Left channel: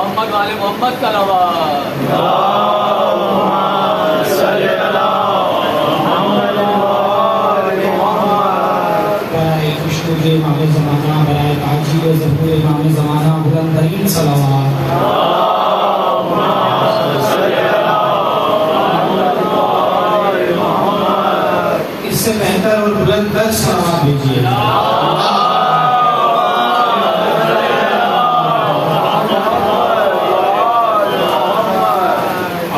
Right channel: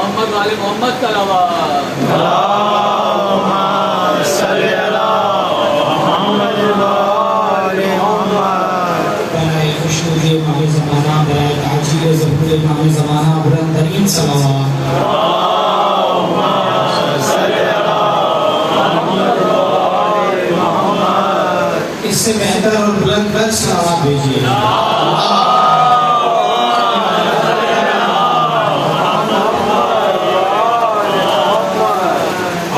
محمد والے محمد صلوات اللہم صلی علی محمد والے محمد. برائے خوشنود امام زمانہ، برائے تاجیل ظہور امام زمانہ، بلند ترین صلوات. اللہم صلی علی محمد والے محمد. اس سے بہتر اور بلند تر صلوات بھیجیے.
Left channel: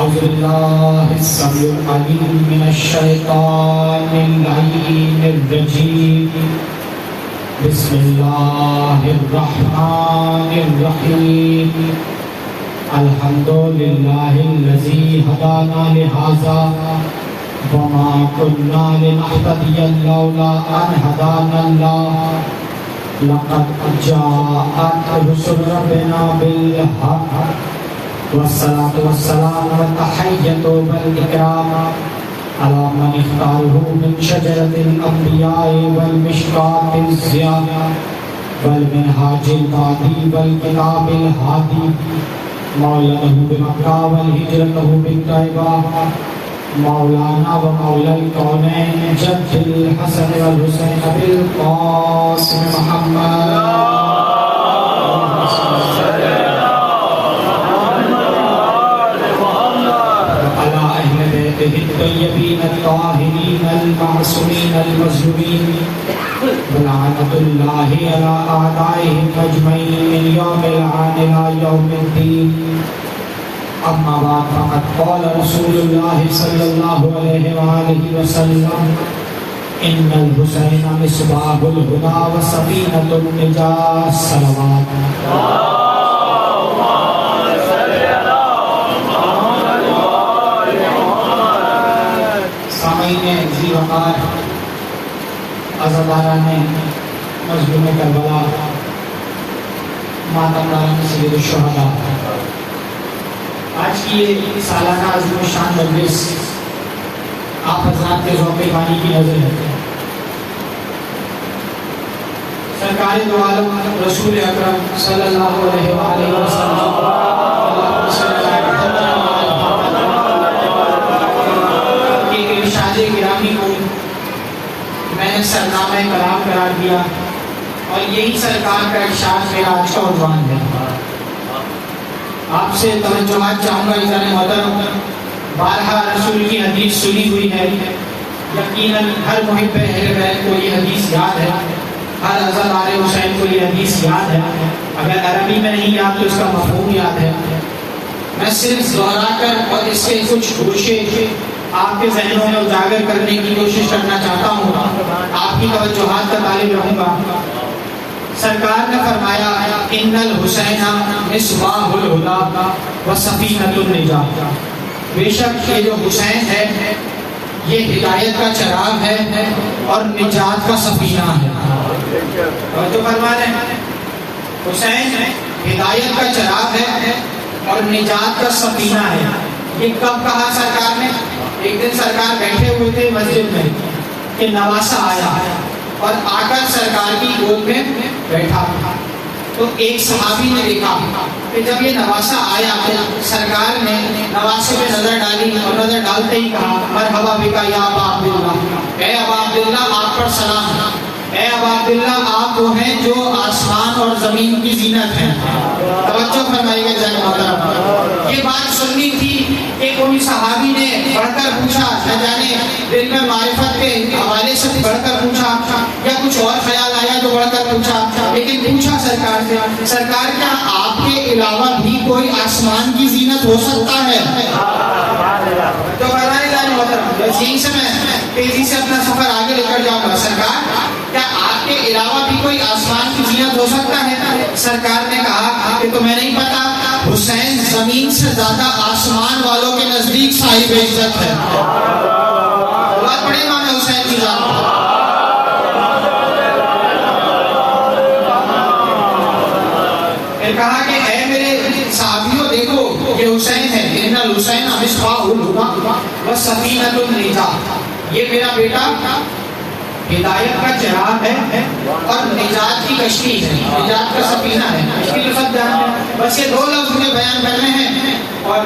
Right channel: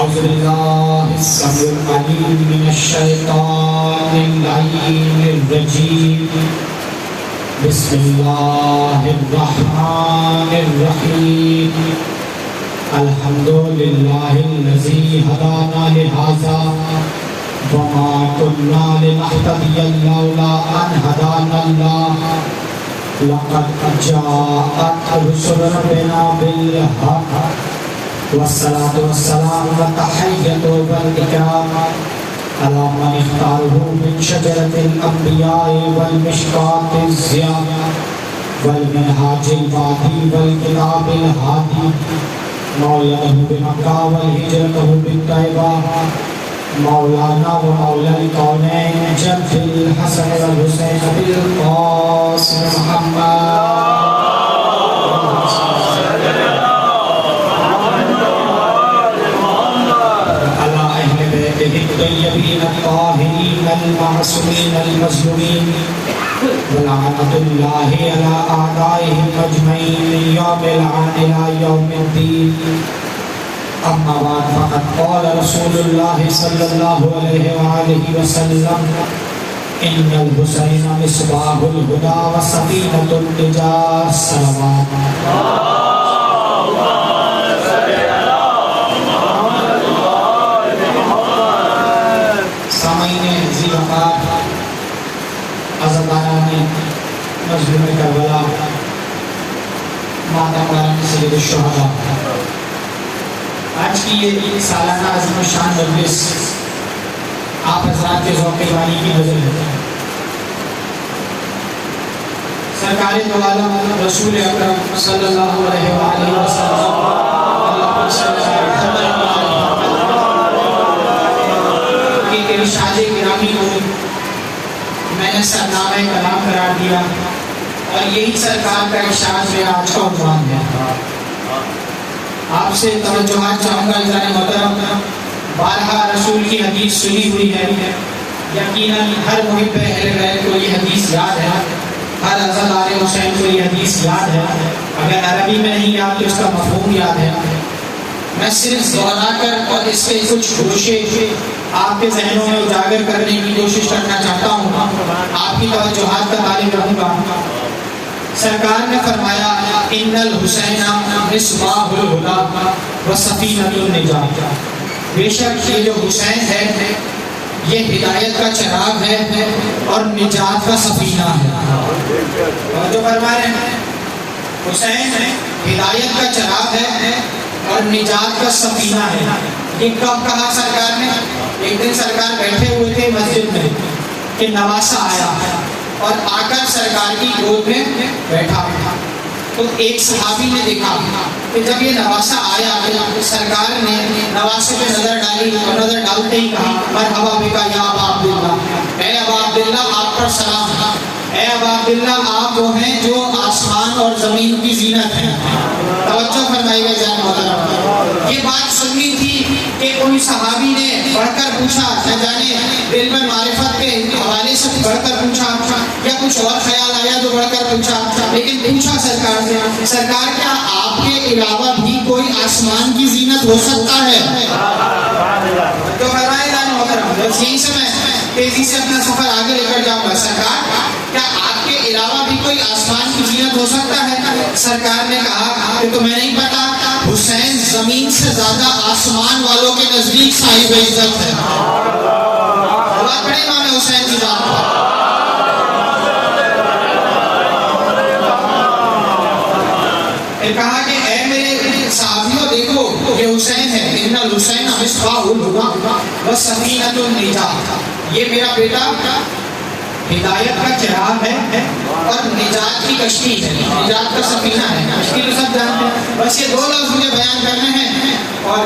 اعوذ باللہ السمیع العلیم من الشیطان اللعین الرجیم. بسم اللہ الرحمن الرحیم. الحمد للہ الذی ہدانا لہذا وما كنا لنهتدي لولا ان هدانا الله. لقد جاءت رسل ربنا بالحق والصلاة والسلام والتحية والإكرام على من اختاره من شجرة الأنبياء والمشكاة الزياد والمنهاج الفاضي والكتاب الهادي مولده بمكة والهجرته بالطيبة مولانا ومولا الكونين جد الحسن والحسين بالقاسم محمد الطيبين الطاهرين المعصومين المظلومين ولعنة الله على أعدائهم أجمعين من يوم العان إلى يوم الدين. أما بعد فقد قال رسول الله صلى الله عليه وآله وسلم إن الحسين مصباح الهدى وسفينة النجاة. الصلوات. عزاداران مظلوم کربلا، ماتمران سید الشہداء، آج کی یہ سالانہ عظیم الشان مجلس آپ حضرات کے ذوق بانی کی نظر ہے. سرکار دو عالم رسول اکرم صلی اللہ علیہ وآلہ وسلم کے ارشاد گرامی کو میں نے سرنامہ کلام قرار دیا اور یہی سرکار کا ارشاد میرا آج کا عنوان ہے. آپ سے توجہات چاہوں گا عزیزان محترم. بارہا رسول کی حدیث سنی ہوئی ہے، یقیناً ہر محب اہل بیت کو یہ حدیث یاد ہے، ہر عزادار حسین کو یہ حدیث یاد ہے. اگر عربی میں نہیں یاد تو اس کا مفہوم یاد ہے. میں صرف دہرا کر اور اس کے کچھ گوشے آپ کے ذہنوں میں اجاگر کرنے کی کوشش کرنا چاہتا ہوں. آپ کی توجہات کا طالب رہوں گا. سرکار نے فرمایا ان الحسین مصباح الہدی وسفینۃ النجاۃ. بے شک یہ جو حسین ہے یہ ہدایت کا چراغ ہے اور نجات کا سفینہ ہے. اور جو فرما رہے ہیں حسین ہدایت کا چراغ ہے اور نجات کا سفینہ ہے. یہ کب کہا سرکار نے؟ ایک دن سرکار بیٹھے ہوئے تھے مسجد میں کہ نواسا آیا اور آ کر سرکار کی گود میں بیٹھا. تو ایک صحابی نے دیکھا کہ جب یہ نواسا آیا تو سرکار نے نواسے پہ نظر ڈالی اور نظر ڈالتے ہی کہا مرحبا بکا یا ابا عبداللہ. اے ابا عبداللہ آپ پر سلام. اے ابا عبداللہ آپ وہ ہیں جو آسمان اور زمین کی زینت ہیں. توجہ فرمائیے گا ذرا محترم. یہ بات سننی تھی کہ کوئی صحابی نے بڑھ کر پوچھا، نہ جانے دل میں معرفت کے حوالے سے بڑھ کر پوچھا یا کچھ اور خیال آیا جو بڑھ کر پوچھا، لیکن پوچھا سرکار سے سرکار کیا آپ کے علاوہ بھی کوئی آسمان کی زینت ہو سکتا ہے؟ تو فرمائے گا محترم یہیں سے میں تیزی سے اپنا سفر آگے لے کر جاؤں گا. سرکار کیا آپ کے علاوہ بھی کوئی آسمان کی زینت ہو سکتا ہے؟ سرکار نے کہا کہ تمہیں نہیں پتا حسین زمین سے زیادہ آسمان والوں کے نزدیک صاحب عزت ہے. اللہ بڑے امام حسین کی ذات. کہا کہ اے میرے صحابیوں دیکھو کہ حسین ہے. ان الحسین مصباح الہدی وسفینۃ النجاۃ. یہ میرا بیٹا ہدایت کا چراغ ہے اور نجات کی کشتی ہے. نجات کا سفینہ ہے. کشتی تو سب جانتے ہیں. بس یہ 2 لفظ مجھے بیان کرنے ہیں، اور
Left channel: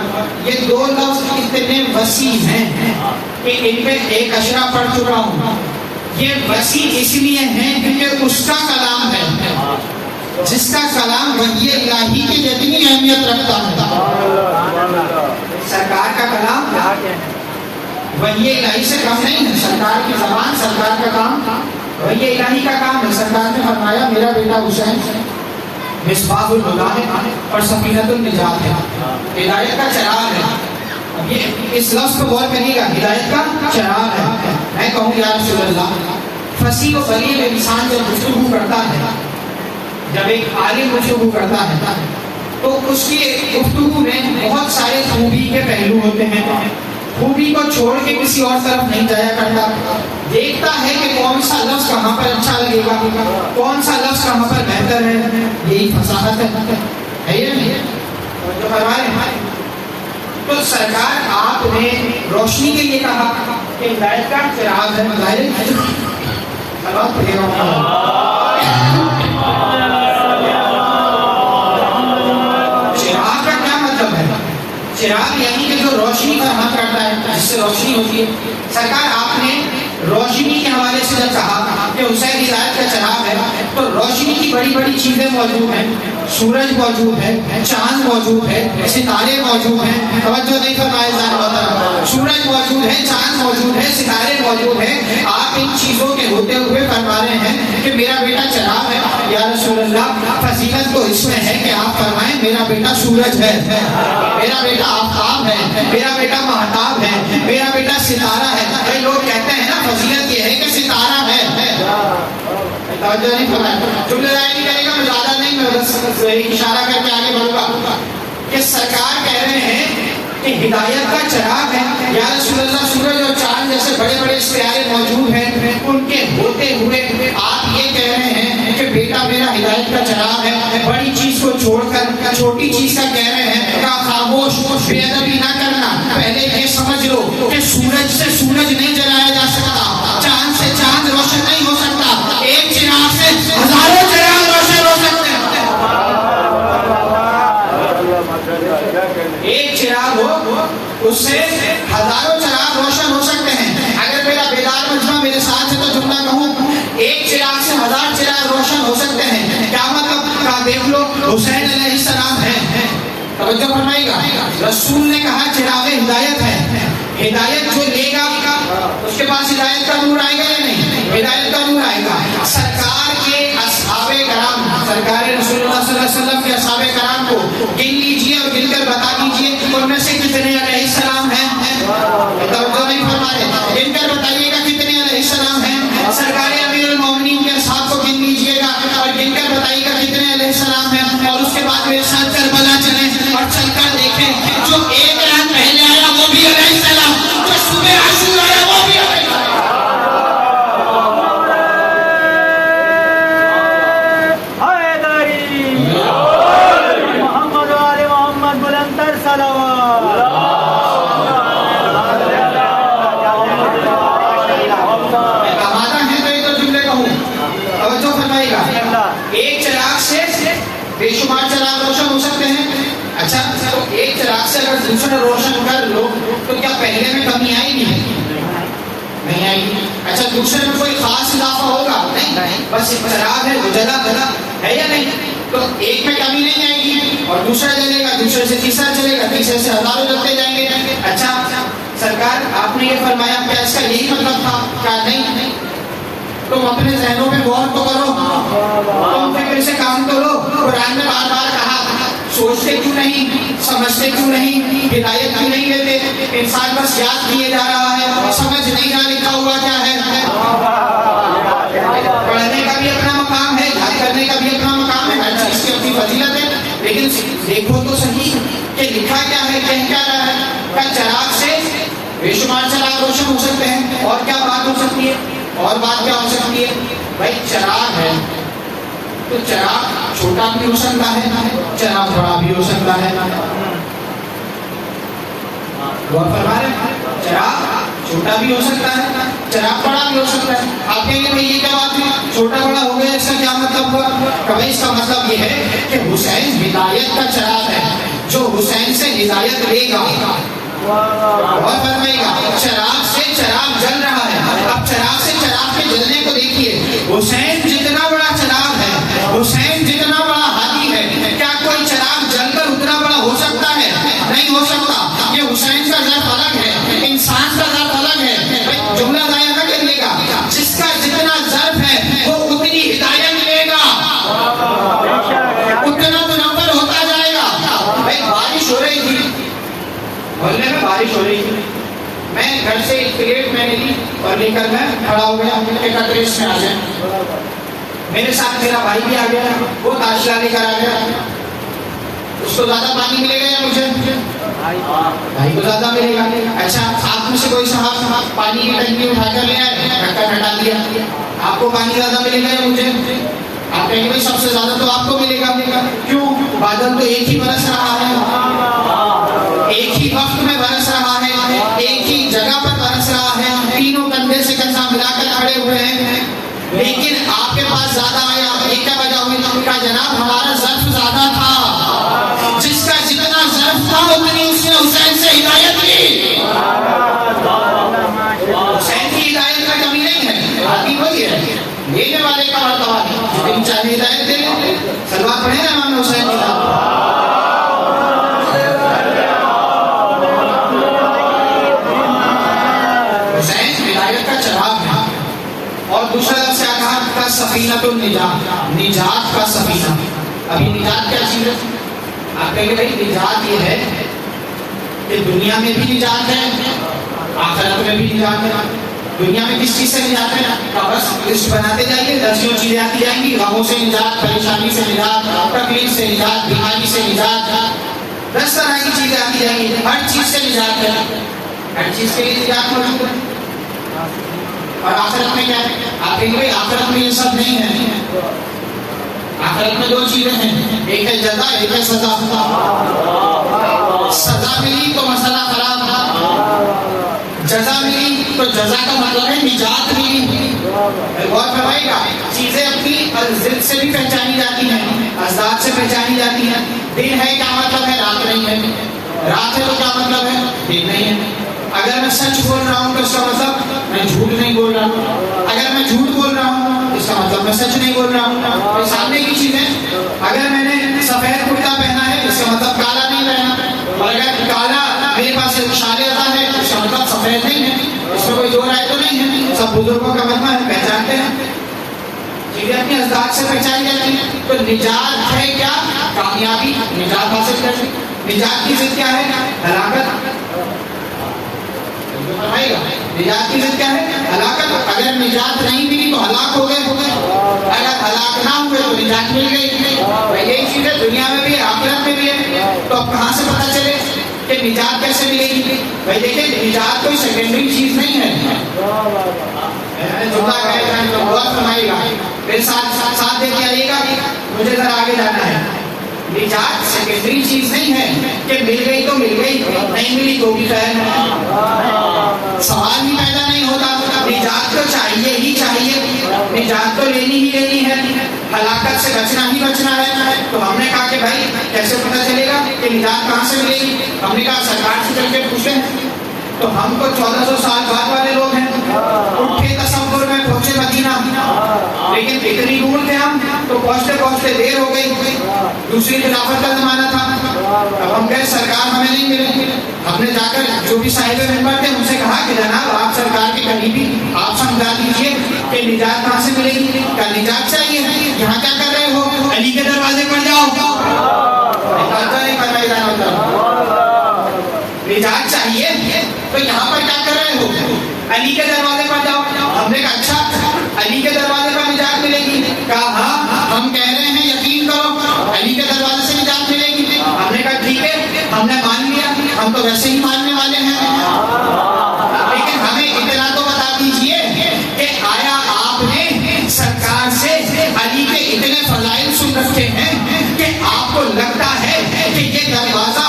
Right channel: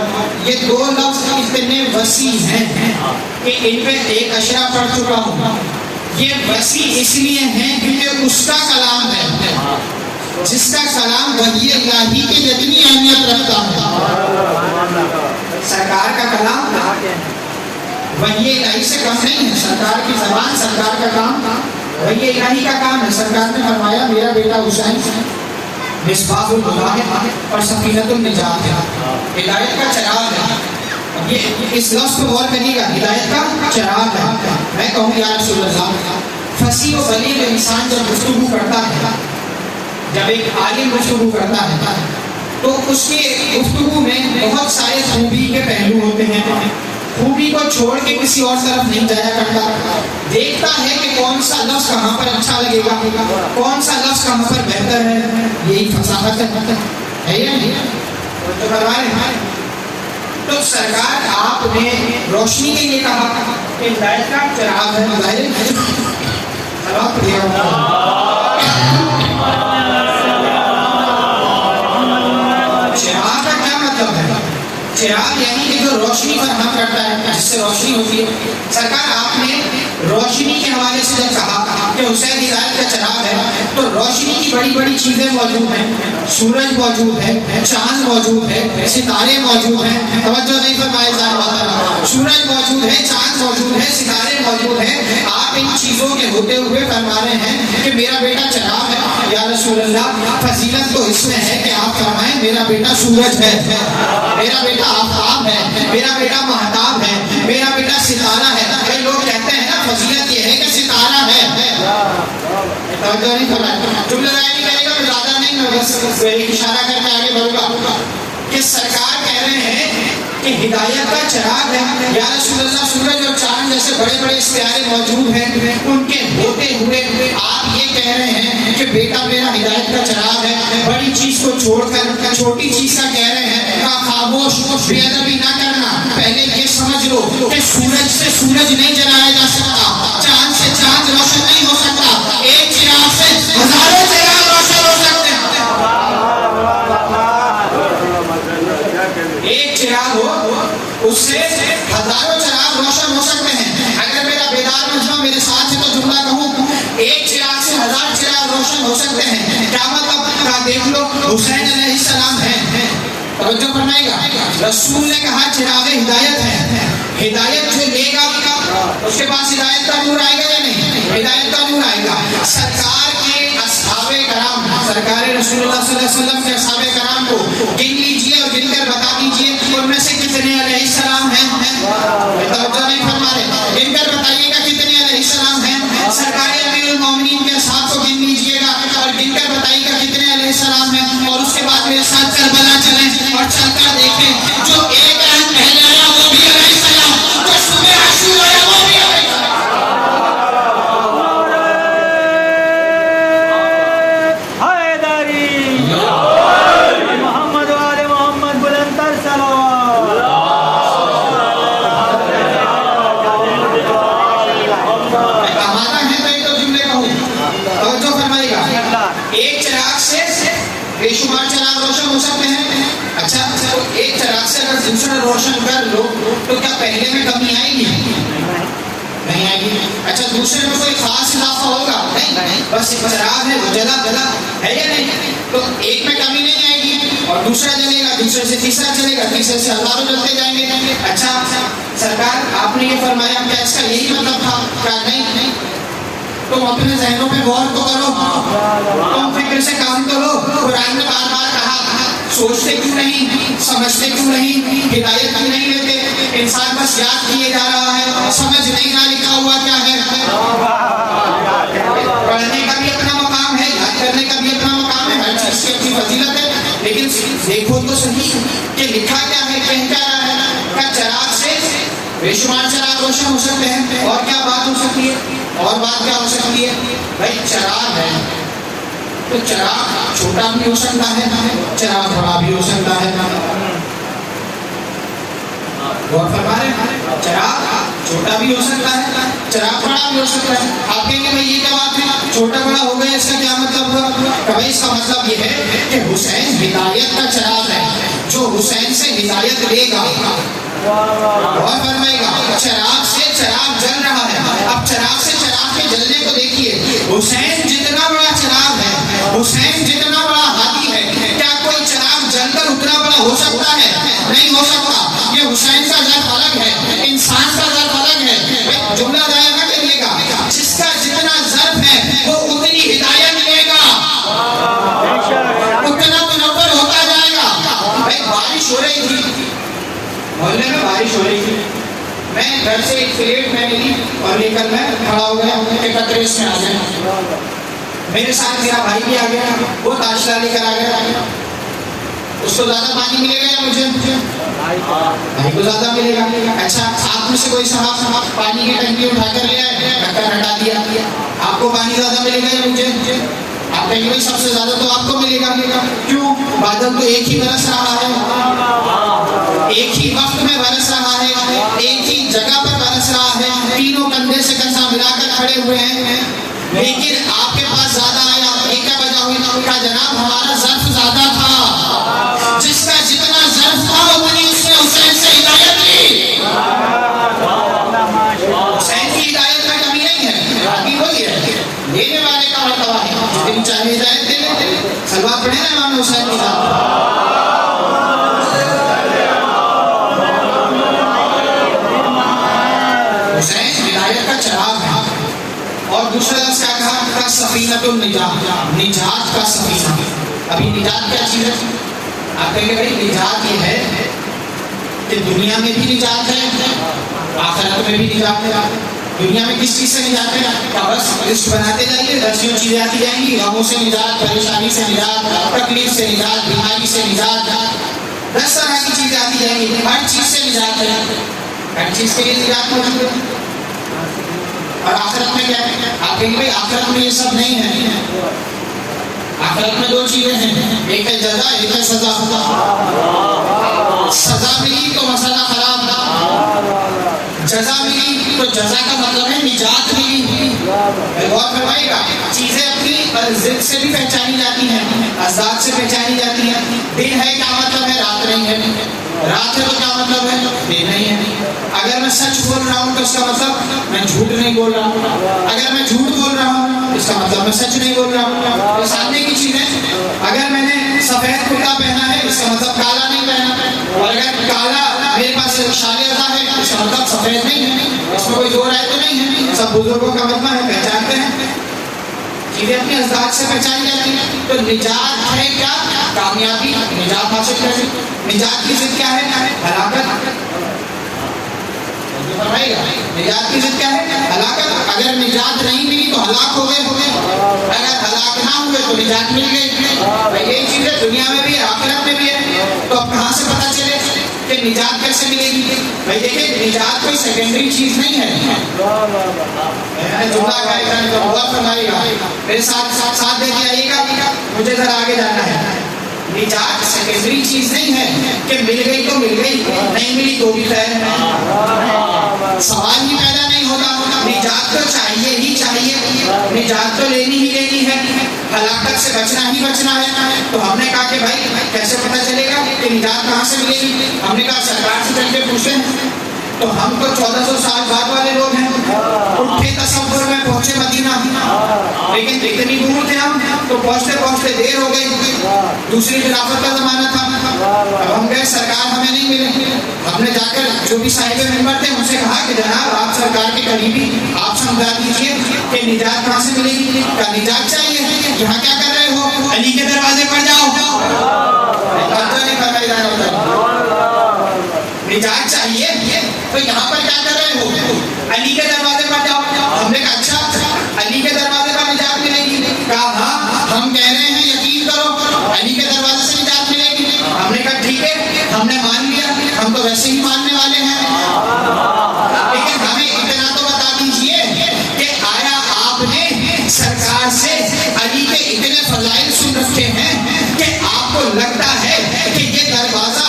یہ 2 لفظ اتنے وسیع ہیں کہ ان پہ ایک اشرا پڑھ چکا ہوں. یہ وسیع اس لیے ہیں کیونکہ اس کا کلام ہے، جس کا کلام وحی الہی کی جتنی اہمیت رکھتا ہے. سرکار کا کلام وحی الہی سے کم نہیں ہے. سرکار کی زبان، سرکار کا کام وحی الہی کا کام ہے. سرکار نے فرمایا میرا بیٹا حسین مصباح الہدیٰ ہے اور سفینۃ النجات ہے، ہدایت کا چراغ ہے. یہ اس لفظ کو غور کریے گا، ہدایت کا چراغ ہے. میں کہوں یا رسول اللہ، فصیح و بلیغ انسان جب گفتگو کرتا ہے، جب ایک عالم گفتگو کرتا ہے تو اس کی گفتگو میں بہت سارے خوبی کے پہلو ہوتے ہیں. خوبی کو چھوڑ کے کسی اور طرف نہیں جایا کرتا، دیکھتا ہے کہ کون سا لفظ کہاں پر اچھا لگے گا، کون سا لفظ کہاں پر بہتر ہے. یہی فصاحت ہے یا نہیں؟ تو فرمائیں، تو سرکار آپ نے روشنی کے لیے کہا کہ ہدایت کا چراغ ہے. چراغ کا کیا مطلب ہے؟ چراغ یعنی کہ جو روشنی فراہم کرتا ہے، جس سے روشنی ہوتی ہے. سرکار آپ نے روشنی کے حوالے سے جب کہا کہ حسین ہدایت کا چراغ ہے، تو روشنی کی بڑی بڑی چیزیں موجود ہیں. سورج موجود ہے، چاند موجود ہے، ستارے موجود ہیں. توجہ نہیں فرمائے ذرا. سورج موجود ہے، چاند موجود ہے، ستارے موجود ہیں. آپ ان چیزوں کے ہوتے ہوئے فرما رہے ہیں کہ میرا بیٹا چراغ ہے. یا رسول اللہ، فضیلت تو اس میں ہے کہ آپ فرمائیں میرا بیٹا سورج ہے، میرا بیٹا آفتاب ہے، میرا بیٹا مہتاب ہے، میرا بیٹا ستارہ ہے. کئی لوگ کہتے ہیں نا فضیلت یہ ہے کہ ستارہ ہے. توجہ نہیں فرمایا. جملہ رائے نہیں کرے گا، میں زیادہ نہیں، میں بس ایک اشارہ کر کے آگے بڑھوں گا کہ سرکار کہہ رہے ہیں کہ ہدایت کا چراغ ہے. یا رسول اللہ، سورج اور چاند جیسے بڑے بڑے ستارے موجود ہیں، ان کے ہوتے ہوئے آپ یہ کہہ رہے ہیں کہ بیٹا میرا ہدایت کا چراغ ہے. بڑی چیز کو چھوڑ کر چھوٹی چیز کا کہہ رہے ہیں. خاموش، بے ادبی نہ کرنا. پہلے یہ سمجھ لو کہ سورج سے سورج نہیں جلایا جا سکتا، چاند سے چاند روشن نہیں ہو سکتا. ایک چراغ سے ہزاروں چراغ روشن ہو سکتے ہیں. ایک چراغ ہو، اس سے ہزاروں چراغ روشن ہو سکتے ہیں. اگر میرا بیدار مجمع میرے ساتھ ہے تو جملہ کہوں، ایک چراغ سے 1000 چراغ روشن ہو سکتے ہیں. کیا مطلب؟ دیکھ لو حسین علیہ السلام ہے. توجہ فرمائے گا. رسول نے کہا چراغ ہدایت ہے. ہدایت جو لے گا اس کے پاس ہدایت کا نور آئے گا یا نہیں؟ ہدایت کا نور آئے گا. سرکار کے اصحاب کرام، سرکار رسول اللہ صلی اللہ علیہ وسلم کے اصحاب کرام کو گن لیجیے اور گن کر بتا دیجیے ان میں سے کتنے علیہ السلام ہیں. توجہ نہیں فرما رہے. گن کر بتائیے گا کتنے علیہ السلام ہیں. سرکار امیر المومنین کے اصحاب کو گن لیجیے گا اور گن کر بتائیے گا کتنے علیہ السلام ہیں. اور اس کے بعد میرے ساتھ کربلا چلیں اور چل کر دیکھیں جو ایک رات پہلے آیا وہ بھی علیہ السلام، جو صبح عاشور آیا وہ بھی علیہ محمد والے محمد بلندر صلوات. آمادہ ہیں میں تو جملے کہوں. توجہ فرمائیے گا. ایک چراغ سے بے شمار چراغ روشن ہو سکتے ہیں. اچھا، تو ایک چراغ سے اگر دوسرا روشن کر لو تو کیا پہلے میں کمی آئے گی؟ نہیں آئے گی. اچھا، دوسرے میں کوئی خاص اضافہ ہوگا؟ نہیں، بس ایک چراغ ہے وہ جلا ہے یا نہیں؟ تو ایک میں کمی نہیں آئے گی اور دوسرا جلے گا، دوسرے سے تیسرا چلے گا، تیسرے سے ہزاروں جلتے جائیں گے. اچھا سرکار آپ نے یہ فرمایا کیا اس کا یہی مطلب تھا؟ کہا نہیں. تم اپنے ذہنوں پہ غور تو کرو، تم فکر سے کام کرو. قرآن نے بار بار کہا سوچتے کیوں نہیں، سمجھتے کیوں نہیں، ہدایت کیوں نہیں لیتے. انسان بس یاد کیے جا رہا ہے، سمجھ نہیں رہا لکھا ہوا کیا ہے. پڑھنے کا بھی اپنا مقام ہے، یاد کرنے کا بھی اپنا مقام ہے، ہر چیز کی اپنی فضیلت ہے. لیکن دیکھو تو صحیح کہ لکھا کیا ہے، کہہ کیا رہا ہے. کا چراغ سے بے شمار چراغ روشن ہو سکتے ہیں. اور کیا بات ہو سکتی ہے؟ اور بات کیا ہو سکتی ہے؟ بھائی چراغ ہے تو چراغ چھوٹا بھی ہو سکتا ہے، چراغ بڑا بھی ہو سکتا ہے. وہ فرما رہے ہیں چراغ چھوٹا بھی ہو سکتا ہے، چراغ بڑا بھی ہو سکتا ہے. آپ کہیں گے بھائی یہ کیا بات ہے, چھوٹا بڑا ہو گیا, اس کا کیا مطلب ہوا؟ بھائی اس کا مطلب یہ ہے کہ حسین ہدایت کا چراغ ہے, جو حسین سے ہدایت لے گا. اور فرمائے گا چراغ سے چراغ جل رہا ہے. اب چراغ سے چراغ کے جلنے کو دیکھیے. حسین جتنا بڑا چراغ ہے, حسین جتنا بڑا ہادی ہے, کیا کوئی چراغ جل کر اتنا بڑا ہو سکتا ہے؟ نہیں ہو سکتا. یہ حسین کا ذات الگ ہے, انسان کا ذات الگ ہے. جملہ ضائع نہ کریے گا. جس کا جتنا ظرف ہے وہ اتنی ہدایت لے گا, اتنا منور ہوتا جائے گا. بھائی بارش ہو رہی تھی, محلے میں بارش ہو رہی تھی, میں گھر سے ایک پلیٹ میں لی اور لے کر میں کھڑا ہو گیا کہ قطرے اس میں آ جائیں. میرے ساتھ میرا بھائی بھی آ گیا, وہ تاشلا لے کر آ گیا. اس کو زیادہ پانی ملے گا یا مجھے؟ بھائی کو زیادہ ملے گا. اچھا آپ میں سے کوئی صاحب پانی کی ٹنکی اٹھا کر لے آئے, ڈھکن ہٹا دیا, آپ کو پانی زیادہ ملے گا یا مجھے؟ آپ کہیں گے سب سے زیادہ تو آپ کو ملے گا. کیوں؟ بادل تو ایک ہی برس رہا ہے, ایک ہی وقت میں برس رہا ہے, ایک ہی جگہ پر برس رہا ہے, تینوں کندھے سے کندھا ملا کر کھڑے ہوئے ہیں. لیکن آپ کے پاس زیادہ آیا, ایک کیا وجہ ہوئی؟ کہ جناب ہمارا ظرف زیادہ تھا. جس کا جتنا ظرف تھا اتنی اس نے حسین سے ہدایت لی. حسین کی ہدایت میں کمی نہیں ہے, آدمی وہی ہے, لینے والے کا مرتبہ ہے. جتنی چاہے ہدایت دے لیں. سلوات پڑھیں نا امام حسین کے ساتھ. حسین ہدایت کا چراغ ہے. اور دوسرا لفظ کیا کہا؟ کا سفینۃ النجات, نجات کا سفینہ. ابھی نجات کیا چیز ہے؟ آپ کہیں گے بھائی نجات یہ ہے کہ دنیا میں بھی نجات ہے, آخرت میں بھی نجات ہے. دنیا میں کس چیز سے نجات ہے؟ کہ بس لسٹ بناتے جائیے, درسیوں چیزیں آتی جائیں گی. غموں سے نجات, پریشانی سے نجات, تکلیف سے نجات, بیماری سے نجات, 10 طرح کی چیزیں آتی جائیں گی. ہر چیز سے نجات ہے, ہر چیز کے لیے نجات موجود ہے. اور آخرت میں کیا ہے؟ آپ کہیں گے بھائی آخرت میں یہ سب نہیں ہے. آخرت میں 2 چیزیں ہیں, ایک ہے جزا, ایک ہے سزا. سزا ملی تو مسئلہ خراب, جزا ملی تو جزا کا مطلب ہے نجات ملی. غور فرمائیے گا, چیزیں اپنی ضد سے بھی پہچانی جاتی ہیں, ازداد سے پہچانی جاتی ہیں. دن ہے کیا مطلب ہے؟ رات نہیں ہے. رات ہے تو کیا مطلب ہے؟ دن نہیں ہے. اگر میں سچ بول رہا ہوں تو اس کا مطلب میں جھوٹ نہیں بول رہا ہوں. اگر میں جھوٹ بول رہا ہوں اس کا مطلب میں سچ نہیں بول رہا ہوں. سامنے کی چیز ہے, اگر میں نے سفید کرتا پہنا ہے اس کا مطلب کالا نہیں پہنا, اور اگر کالا میرے پاس اشارے ادا ہے اس کا مطلب سفید نہیں ہے. اس میں کوئی دو رائے تو نہیں ہے. سب بزرگوں کا مطلب ہے, پہچانتے ہیں چیزیں اپنی ازداد سے پہچانی جاتی ہیں. تو نجات ہے کیا؟ کامیابی. نجات حاصل کیسے؟ نجات کی ضد کیا ہے؟ ہلاکت. نجات کی ضد کیا ہے؟ ہلاکت. اگر نجات نہیں ملی تو ہلاک ہو گئے, اگر ہلاک نہ ہوئے تو نجات مل گئی. یہی چیز ہے, دنیا میں بھی ہے, آخرت میں بھی ہے. تو اب کہاں سے پتا چلے کہ نجات کیسے ملے گی؟ بھائی دیکھیں, نجات کوئی سیکنڈری چیز نہیں ہے. جملہ کہے جانے کا بہت فرمائے گا, میرے ساتھ دیکھ کے آئیے گا, مجھے ذرا آگے جانا ہے. نجات سیکنڈری چیز نہیں ہے کہ مل گئی تو مل گئی, نہیں ملی تو بھی خیر. سوال ہی پیدا نہیں ہوتا. نجات تو چاہیے ہی چاہیے, نجات تو لینی ہی لینی ہے, ہلاکت سے بچنا ہی بچنا ہے. تو ہم نے کہا کہ بھائی کیسے پتہ چلے گا کہ نجات کہاں سے ملے گی؟ ہم نے کہا سرکار سے چل کے پوچھیں. تو ہم تو 1400 سال بعد والے لوگ ہیں, اٹھے تصور میں پہنچے مدینہ, لیکن اتنی دور تھے ہم تو پہنچتے پہنچتے دیر ہو گئی. دوسری خلافت کا زمانہ تھا. اب ہم گئے, سرکار ہمیں نہیں ملے. ہم نے جا کر جو بھی صاحب ممبر تھے ان سے کہا کہ جناب آپ سرکار کے قریبی, آپ سمجھا دیجیے کہ نجات کہاں سے ملے گی. کیا نجات چاہیے؟ یہاں کیا کر رہے ہو؟ علی کے دروازے پر جاؤ. نہیں کروائی جانا ہوتا. نجات چاہیے تو یہاں پر کیا کر رہے ہو؟ علی کے دروازے پر جاؤ. ہم نے کہا اچھا علی کے دروازے پر نجات ملے گی؟ کہا ہاں ہم کہہ رہے ہیں یقین کرو, علی کے دروازے سے نجات ملے گی. ہم نے کہا ٹھیک ہے, ہم نے مان لیا, ہم تو ویسے ہی ماننے والے ہیں, لیکن ہمیں اتنا تو بتا دیجئے کہ آیا آپ نے سرکار سے علی کے اتنے فضائل سن رکھے ہیں کہ آپ کو لگتا ہے کہ یہ دروازہ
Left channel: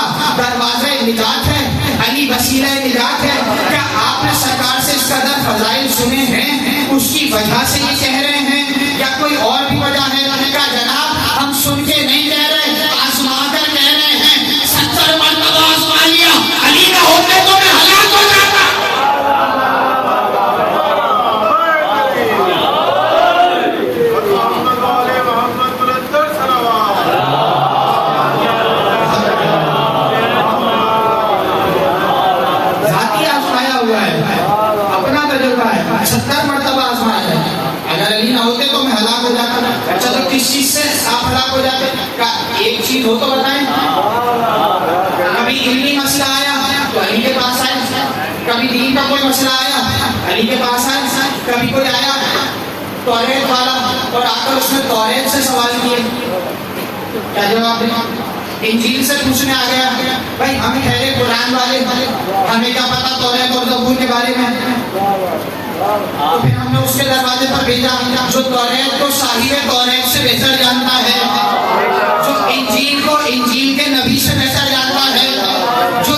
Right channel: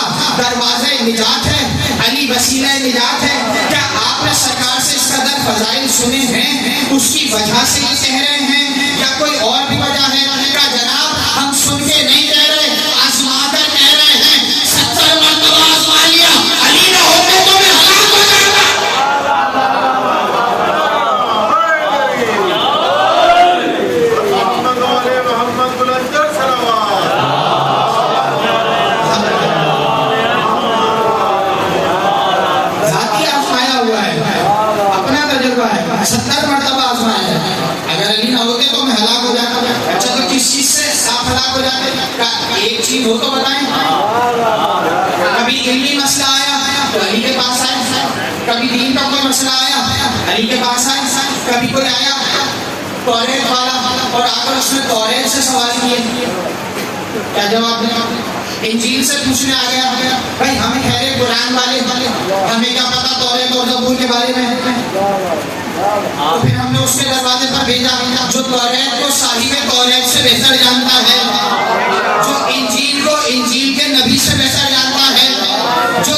نجات ہے, علی وسیلہ نجات ہے؟ کیا آپ نے سرکار سے اس قدر فضائل سنے ہیں اس کی وجہ سے یہ کہہ رہے ہیں یا کوئی اور بھی وجہ ہے؟ کہا جناب ہم سن کے نہیں کہہ رہے، آزما کر کہہ رہے ہیں۔ 70 مرتبہ آزما لیا، علی نہ ہوتے تو میں ہلاک ہو جاتا۔ ذاتی آزمایا ہوا ہے، اپنا تجربہ ہے، 70 مرتبہ آزمایا ہے۔ اگر علی نہ ہوتے تو میں ہلاک ہو جاتا۔ اچھا تو کس چیز سے آپ ہلاک ہو جاتے؟ ایک چیز ہو تو بتائیں۔ کبھی علمی مسئلہ آیا تو علی کے پاس آئے، کبھی دین کا کوئی مسئلہ آیا علی کے پاس آئے، کبھی کوئی آیا توریت والا اور آ کر اس نے توریت سے سوال کیے، کیا جواب دیں؟ انجیل سے پوچھنے آ گیا، بھائی ہمیں ٹھہرے قرآن والے، ہمیں کیا پتا توریت اور زبور کے بارے میں؟ تو پھر ہم نے اس کے دروازے پر بھیجا جو توریت کو صاحب توریت سے بہتر جانتا ہے، جو انجیل کو انجیل کے نبی سے بہتر جانتا ہے، جو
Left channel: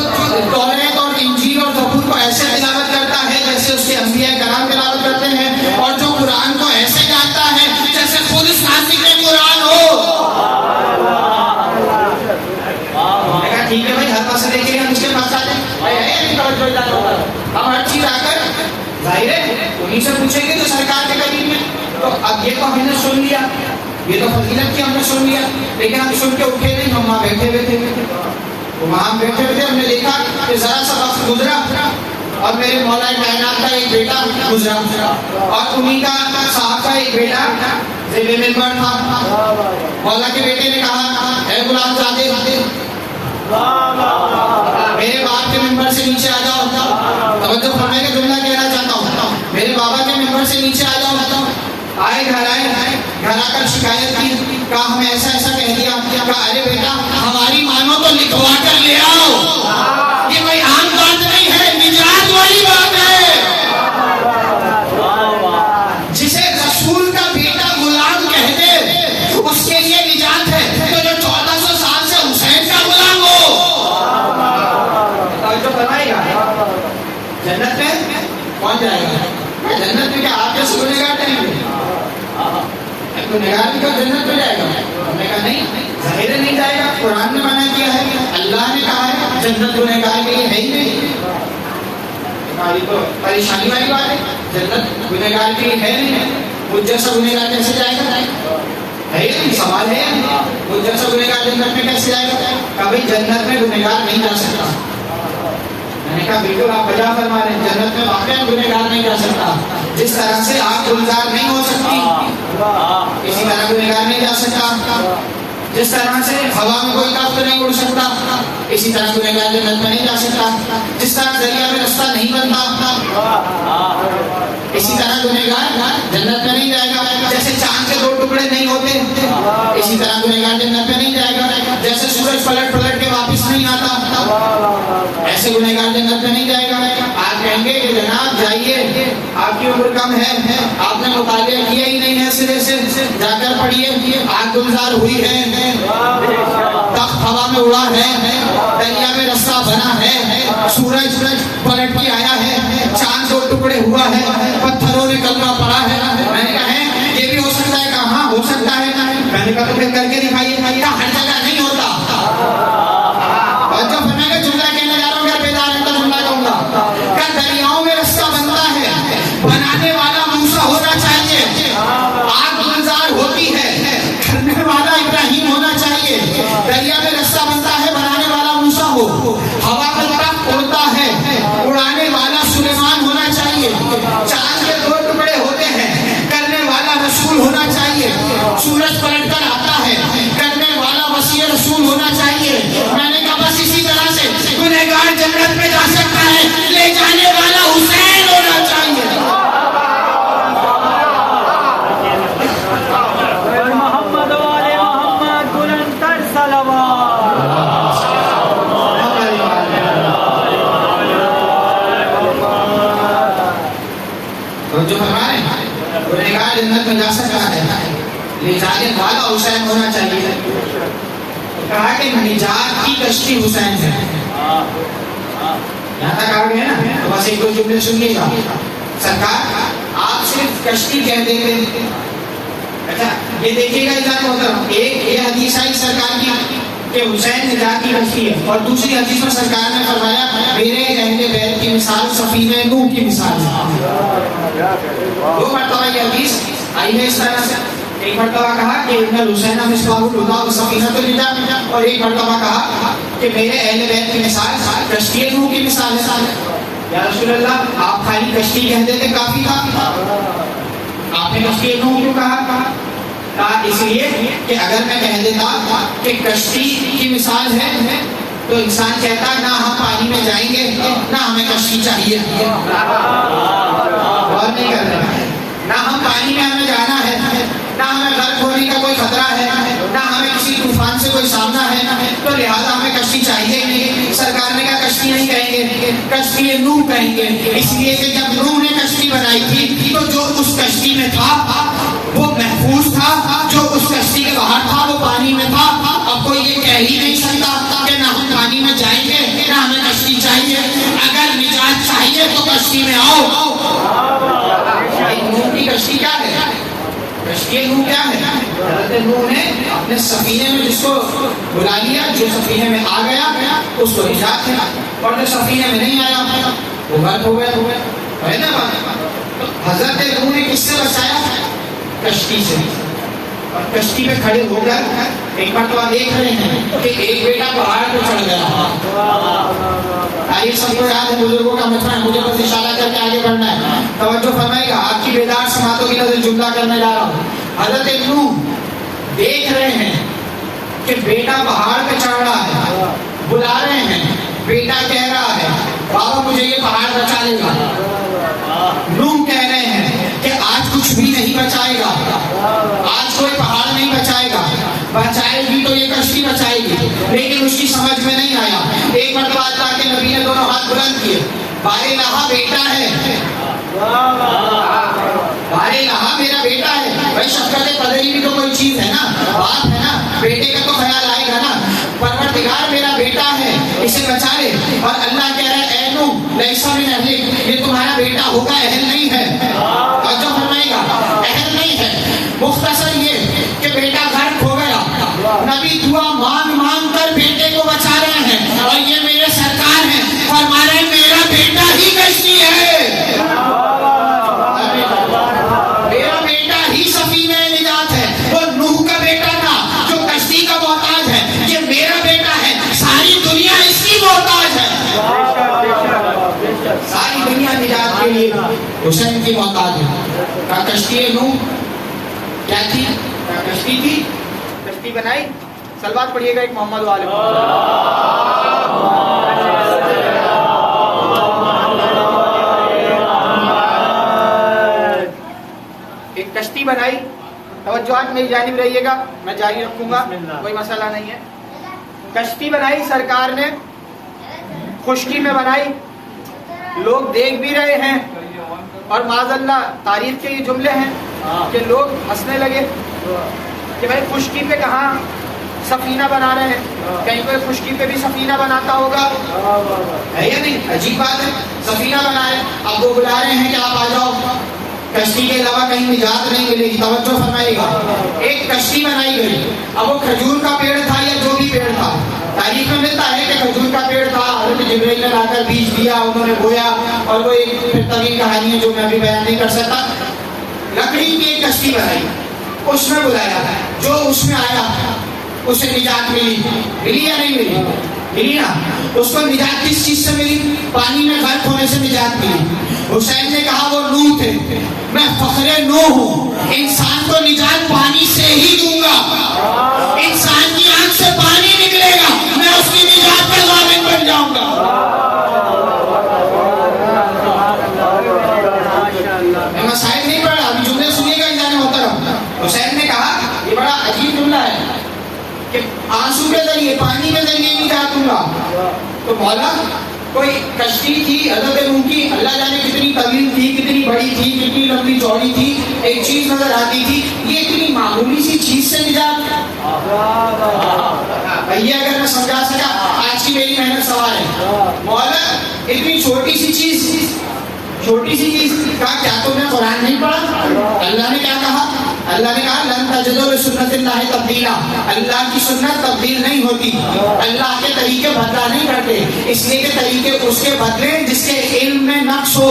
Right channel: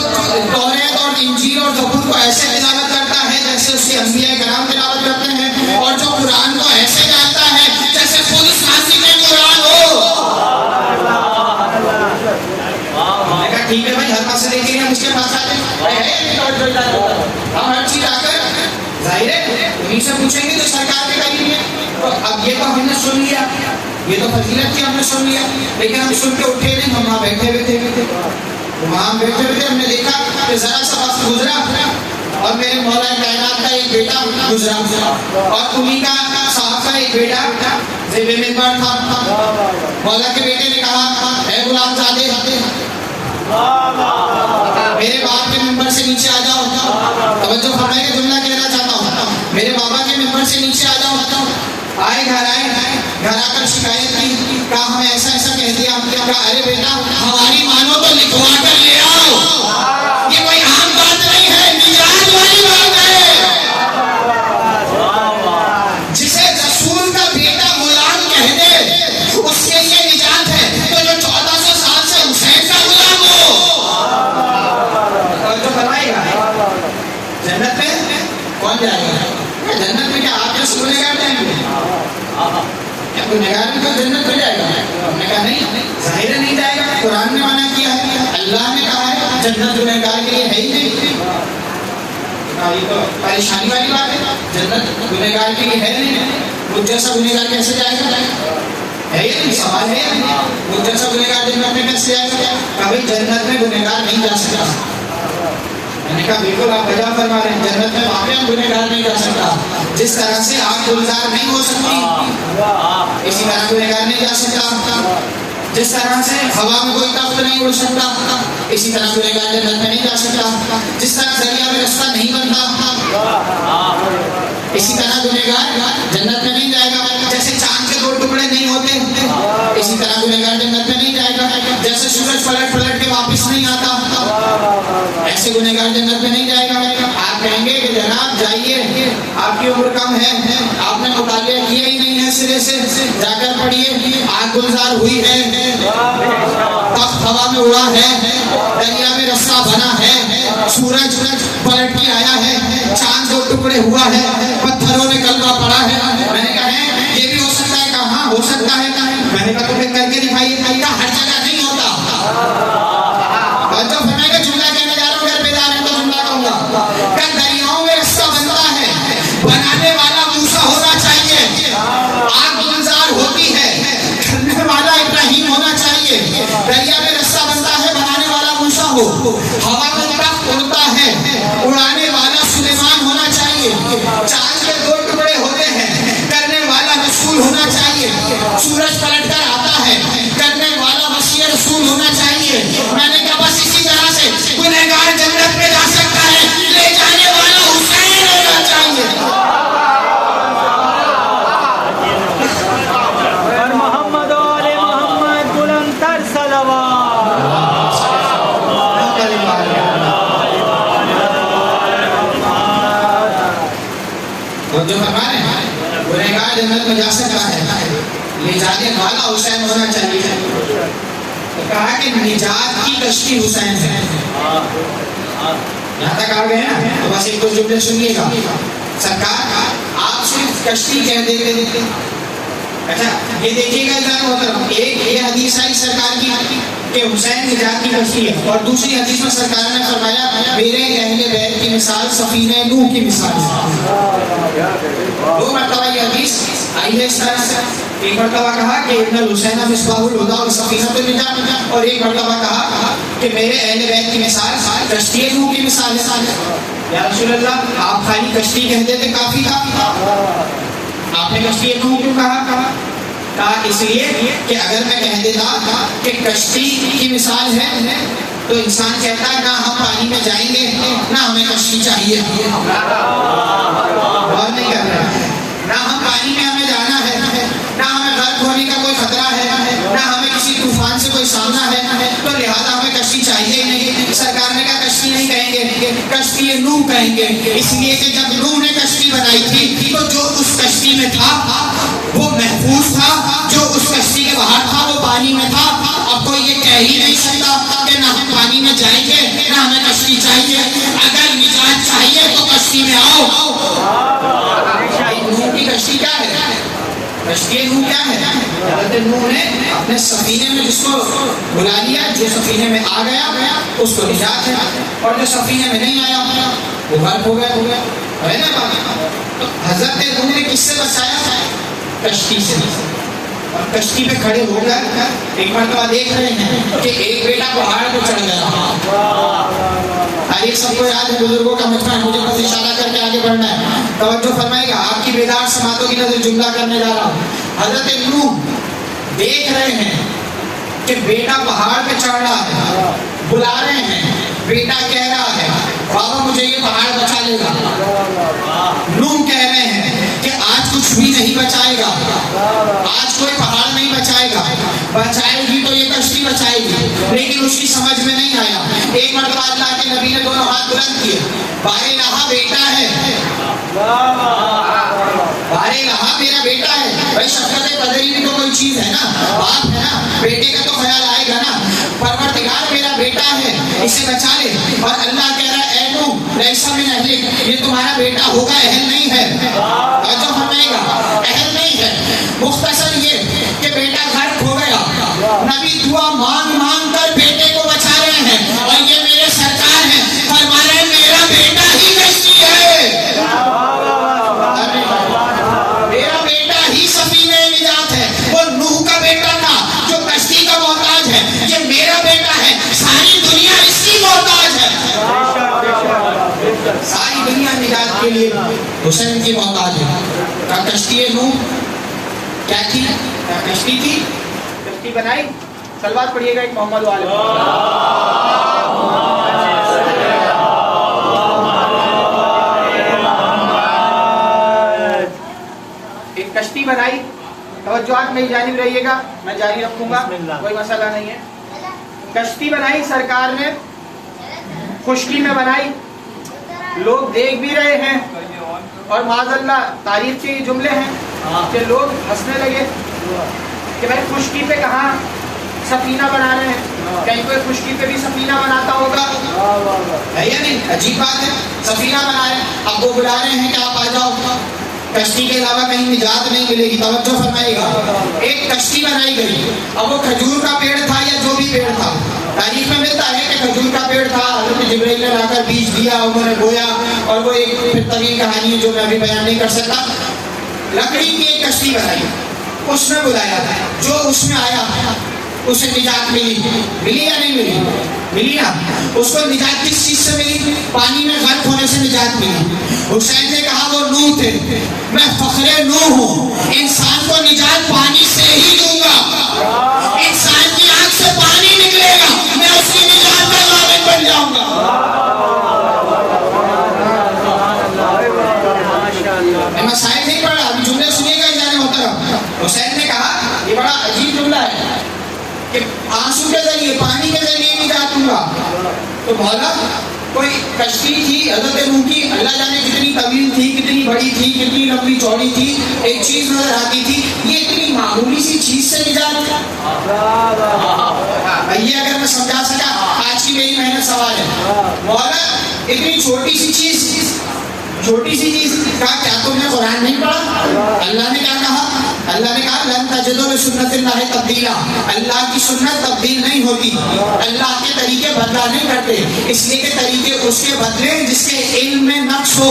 توریت اور انجیل اور زبور کو ایسے تلاوت کرتا ہے جیسے اس کے انبیاء کرام تلاوت کرتے ہیں، اور جو قرآن کو ایسے جانتا ہے جیسے خود صاحب قرآن ہو۔ ٹھیک ہے بھائی، ہر مسئلے کے لیے ہم اس کے پاس آ جائیں، ہم ہر چیز آ کر ظاہر ہے انہیں سے پوچھیں گے تو سرکار کے قریب میں۔ تو اب یہ تو ہم نے سن لیا، یہ تو فضیلت کی ہم نے سن لیا، لیکن ہم سن کے اٹھے نہیں، ہم وہاں بیٹھے ہوئے تھے، وہاں بیٹھے ہوئے تھے، ہم نے دیکھا کہ ذرا سا وقت گزرا اور میرے مولا کائنات کا ایک بیٹا گزرا، اور انہیں کا صاحب کا ایک بیٹا ذیل منبر تھا۔ مولا کے بیٹے نے کہا، اے غلام زادے، میرے باپ کے ممبر سے نیچے آ جاؤ۔ توجہ فرمائے کہ جملہ کہنا چاہتا ہوں، میرے بابا کے ممبر سے نیچے آ جاؤ۔ آئے گھر آ کر شکایت کی، کہا ہمیں ایسا ایسا کہہ دیا۔ کہا ارے بیٹا ہماری مانو تو لکھوا کر لے آؤ، یہ کوئی عام بات نہیں ہے، نجات والی بات ہے۔ جسے رسول کا بیٹا غلام کہہ دے اس کے لیے نجات ہے، تو جو 1400 سال سے حسین کا غلام ہو تو فرمائے گا جنت میں کون جائے گا؟ جنت میں کیا آپ جو گنہگار جائیں گے؟ گنہگار بھی تو جنت میں جائے گا؟ ہم نے کہا نہیں، ظاہر نہیں جائے گا، قرآن نے منع کیا ہے، اللہ نے کہا ہے جنت گنہگار کے لیے ہے ہی نہیں۔ یہ تو پریشانی والی بات ہے، جنت گنہگار کے لیے ہے ہی نہیں، مجھ جیسا گنہگار کیسے جائے گا؟ ہے یہ نہیں سوال ہے، مجھ جیسا گنہگار جنت میں کیسے جائے گا؟ کبھی جنت میں گنہگار نہیں جا سکتا۔ میں نے کہا بالکل آپ بجا فرما رہے ہیں، جنت میں واقعی گنہگار نہیں جا سکتا۔ جس طرح سے آگ گلزار نہیں ہو سکتی اسی طرح گنہگار نہیں جا سکتا، جس طرح سے ہوا میں کوئی تخت نہیں اڑ سکتا اسی طرح گنہگار جنت میں نہیں جا سکتا، جس طرح دریا میں رستہ نہیں بنتا اسی طرح گنہگار جنت میں نہیں جائے گا، جیسے چاند کے 2 ٹکڑے نہیں ہوتے اسی طرح گنہگار جنت میں نہیں جائے گا، جیسے سورج پلٹ پلٹ کے واپس نہیں آتا ایسے گنہگار جنت میں نہیں جائے گا۔ آپ کہیں گے کہ جناب جائیے، آپ کی عمر کم ہے، آپ نے مطالعہ کیا ہی نہیں ہے سرے سے، جا کر پڑھیے، آگ گلزار ہوئی ہے، تخت ہوا میں اڑا ہے، دریا میں رستہ بنا ہے، سورج پلٹ کے آیا ہے، چاند 2 ٹکڑے ہوا ہے، پتھروں میں کلبہ پڑا ہے۔ میں نے کہا یہ بھی ہو سکتا ہے، کہاں ہو سکتا ہے؟ میں نے کہا تو پھر کر کے دکھائیے، ہر جگہ نہیں ہوتا۔ تو میں کا جملہ کہنے جا رہا ہوں، گھر پہ جا رہے ہیں تو جملہ کہوں گا کہ دریاؤں میں رستہ بنتا ہے، بنانے والا موسیٰ ہونا چاہیے، آگ گلزار ہوتی ہے، کرنے والا ابراہیم ہونا چاہیے۔ دریا میں رستہ بنتا ہے، بنانے والا موسیٰ ہو، ہوا میں تخت اڑتا ہے، اڑانے والا سلیمان ہونا چاہیے، چاند کے 2 ٹکڑے ہوتے ہیں، کرنے والا رسول ہونا چاہیے، سورج پلٹ کر آتا ہے، کرنے والا مسیح رسول ہونا چاہیے۔ میں نے کہا بس اسی طرح سے گنہگار جنت میں جا سکتا ہے، لے جانے والا حسین ہونا چاہیے۔ محمد اور محمد بلندتر صلوات۔ تو جو فرمائے گنہگار جنت میں جا سکتا ہے، لے جانے والا حسین ہونا چاہیے۔ کہا کہ نجات کی کشتی حسین ہے۔ یہاں تک آ گئے نا، تو بس 1-2 جملے سنیے گا۔ سرکار آپ صرف کشتی کہہ دیتے تھے. اچھا یہ دیکھیے گا ادھر محترم، ایک یہ حدیث آئی سرکار کی کہ حسین نجات کی کشتی ہے، اور دوسری حدیث میں سرکار نے فرمایا میرے اہل بیت کی مثال سفینہ نوح کی مثال ہے. دو مرتبہ یہ حدیث آئی ہے اس طرح سے. ایک مرتبہ کہا کہ ان الحسین مصباح الہدیٰ وسفینۃ النجاۃ، اور ایک مرتبہ کہا کہ میرے اہل بیت کی مثال کشتی نوح کی مثال ہے. یا رسول اللہ آپ خالی کشتی کہہ دیتے کافی تھا، آپ نے کشتی نوح کیوں کہا؟ اس لیے کہ اگر میں کہہ دیتا کہ کشتی کی مثال ہے تو انسان کہتا نہ ہم پانی میں جائیں گے نہ ہمیں کشتی چاہیے. اور نہیں کر رہے، نہ ہم پانی میں ہمیں جانا ہے، نہ ہمیں غرق ہونے کا کوئی خطرہ ہے، نہ ہمیں کسی طوفان سے کوئی سامنا ہے، تو لہٰذا ہمیں کشتی چاہیے نہیں. سرکار نے کہا کشتی نہیں کہیں گے، کشتی نوح کہیں گے. اس لیے کہ جب نوح نے کشتی بنائی تھی تو جو اس کشتی میں تھا وہ محفوظ تھا، جو اس کشتی کے باہر تھا وہ پانی میں تھا. اب کوئی یہ کہہ ہی نہیں سکتا کہ نہ ہم پانی میں جائیں گے نہ ہمیں کشتی چاہیے. اگر نجات چاہیے تو کشتی میں آؤ. نوح کی کشتی کیا ہے؟ کشتی نوح کیا ہے؟ حضرت نوح نے اپنے سفینے میں جس کو بلا لیا، جو سفینے میں آ گیا اس کو نجات ہے، اور جو سفینے میں نہیں آیا وہ غرق ہو گیا. ہے نا بات؟ حضرت نوح نے کس سے بچایا؟ کشتی سے. اور کشتی پہ کھڑے ہو کر ایک مرتبہ دیکھ رہے ہیں کہ ایک بیٹا پہاڑ پہ چڑھ گیا. یہ سب کو یاد ہے، بزرگوں کا مجمع ہے، مجھے بس اشارہ کر کے آگے بڑھنا ہے. توجہ فرمائے گا، آپ کی بیدار سماعتوں کی نظر جملہ کرنے جا رہا ہوں. حضرت نوح دیکھ رہے ہیں کہ بیٹا پہاڑ پہ چڑھ رہا ہے، بلا رہے ہیں. بیٹا کہہ رہا ہے بابا مجھے یہ پہاڑ بچا لے گا. نوح کہہ رہے ہیں کہ آج کچھ بھی نہیں بچائے گا، آج کوئی پہاڑ نہیں بچائے گا. بچائے گی تو یہ کشتی بچائے گی. لیکن اس کی سمجھ میں نہیں آیا. ایک مرتبہ اللہ کے نبی نے دونوں ہاتھ بلند کیے. بارے لہا بیٹا ہے، بارے لہا میرا بیٹا ہے. بھائی شفقت قدری بھی تو کوئی چیز ہے نا، باپ ہے نا، بیٹے کا تو خیال آئے گا نا. پروردگار میرا بیٹا ہے، اسے بچا لے. اور اللہ کہہ رہا ہے اے نوح لیس من اہلک، یہ تمہارا بیٹا ہوگا، اہل نہیں ہے. اور جو فرمائے گا اہل نہیں ہے. مختصر یہ کہ بیٹا غرق ہو گیا، نبی دعا مانگ مانگ کر بیٹے کو بچا رہے ہیں. اور یہ میرے سرکار ہیں، فرما رہے ہیں میرا بیٹا ہی کشتی ہے، میرا بیٹا ہی سفینہ نجات ہے. وہ نوح کا بیٹا تھا جو کشتی کا محتاج ہے، یہ میرا بیٹا ہے، ساری دنیا اس کی محتاج ہے. ساری دنیا نجات کے لیے حسین کی محتاج ہے. کشتی نوح کیا تھی؟ کشتی تھی، کشتی بنائی. سلوات پڑھیے گا ایک محمد والے. ایک کشتی بنائی. توجہات میری جانب رہیے گا، میں جاری رکھوں گا، کوئی مسئلہ نہیں ہے. کشتی بنائی سرکار نے، خشکی میں بنائی. لوگ دیکھ بھی رہے ہیں، اور معاذ اللہ تاریخ کے یہ جملے ہیں کہ لوگ ہنسنے لگے کہ بھائی خشکی پہ کہاں سفینہ بنا رہے ہیں، کہیں کوئی خشکی پہ بھی سفینہ بناتا ہوگا، ہے یا نہیں؟ عجیب بات ہے، سفینہ بنائے. اب وہ بلا رہے ہیں کہ آپ آ جاؤ، کشتی کے علاوہ کہیں نجات نہیں ملے گی. توجہ فرمائے گا، ایک کشتی بنائی گئی. اب وہ کھجور کا پیڑ تھا یا جو بھی پیڑ تھا، تاریخ میں ملتا ہے کہ کھجور کا پیڑ تھا، حضرت جبرائیل نے لا کر بیج دیا، انہوں نے بویا، اور وہ ایک پھر طویل کہانی ہے جو میں ابھی بیان نہیں کر سکتا. لکڑی کی ایک کشتی بنائی، اس میں بلایا، جو اس میں آیا اسے نجات ملی. ملی یا نہیں ملی؟ ملی نا. اس کو نجات کس چیز سے ملی؟ پانی میں غرق ہونے سے نجات ملی. حسین نے کہا وہ نوح تھے، میں فخر نوح ہوں، انسان کو نجات پانی سے ہی دوں گا. انسان کی آنکھ سے پانی نکلے گا، میں اس کی نجات کا ضامن بن جاؤں گا. میں مسائل نہیں پڑھ رہا، جملے سنیے گا جانے محترم. حسین نے کہا یہ بڑا عجیب جملہ ہے کہ آنسو کے ذریعے، پانی کے ذریعے نجات دوں گا. تو مولا کوئی کشتی تھی حضرت نوح کی، اللہ جانے کتنی طویل تھی، کتنی بڑی تھی، کتنی لمبی چوڑی تھی. ایک چیز نظر آتی تھی، یہ اتنی معمولی سی چیز سے نجات. یہ اگر میں سمجھا سکا، آج کی میری محنت سوال ہے. مولا اتنی چھوٹی سی چیز چھوٹی سی چیز کہا کیا تم نے قرآن نہیں پڑھا؟ اللہ نے کیا کہا؟ اللہ نے کہا لن تجدوا لسنت اللہ تبدیلا، اللہ کی سنت تبدیل نہیں ہوتی، اللہ کے طریقے بدلا نہیں کرتے، اس لیے کہ طریقے اس کے بدلے جس کے علم میں نقص ہو،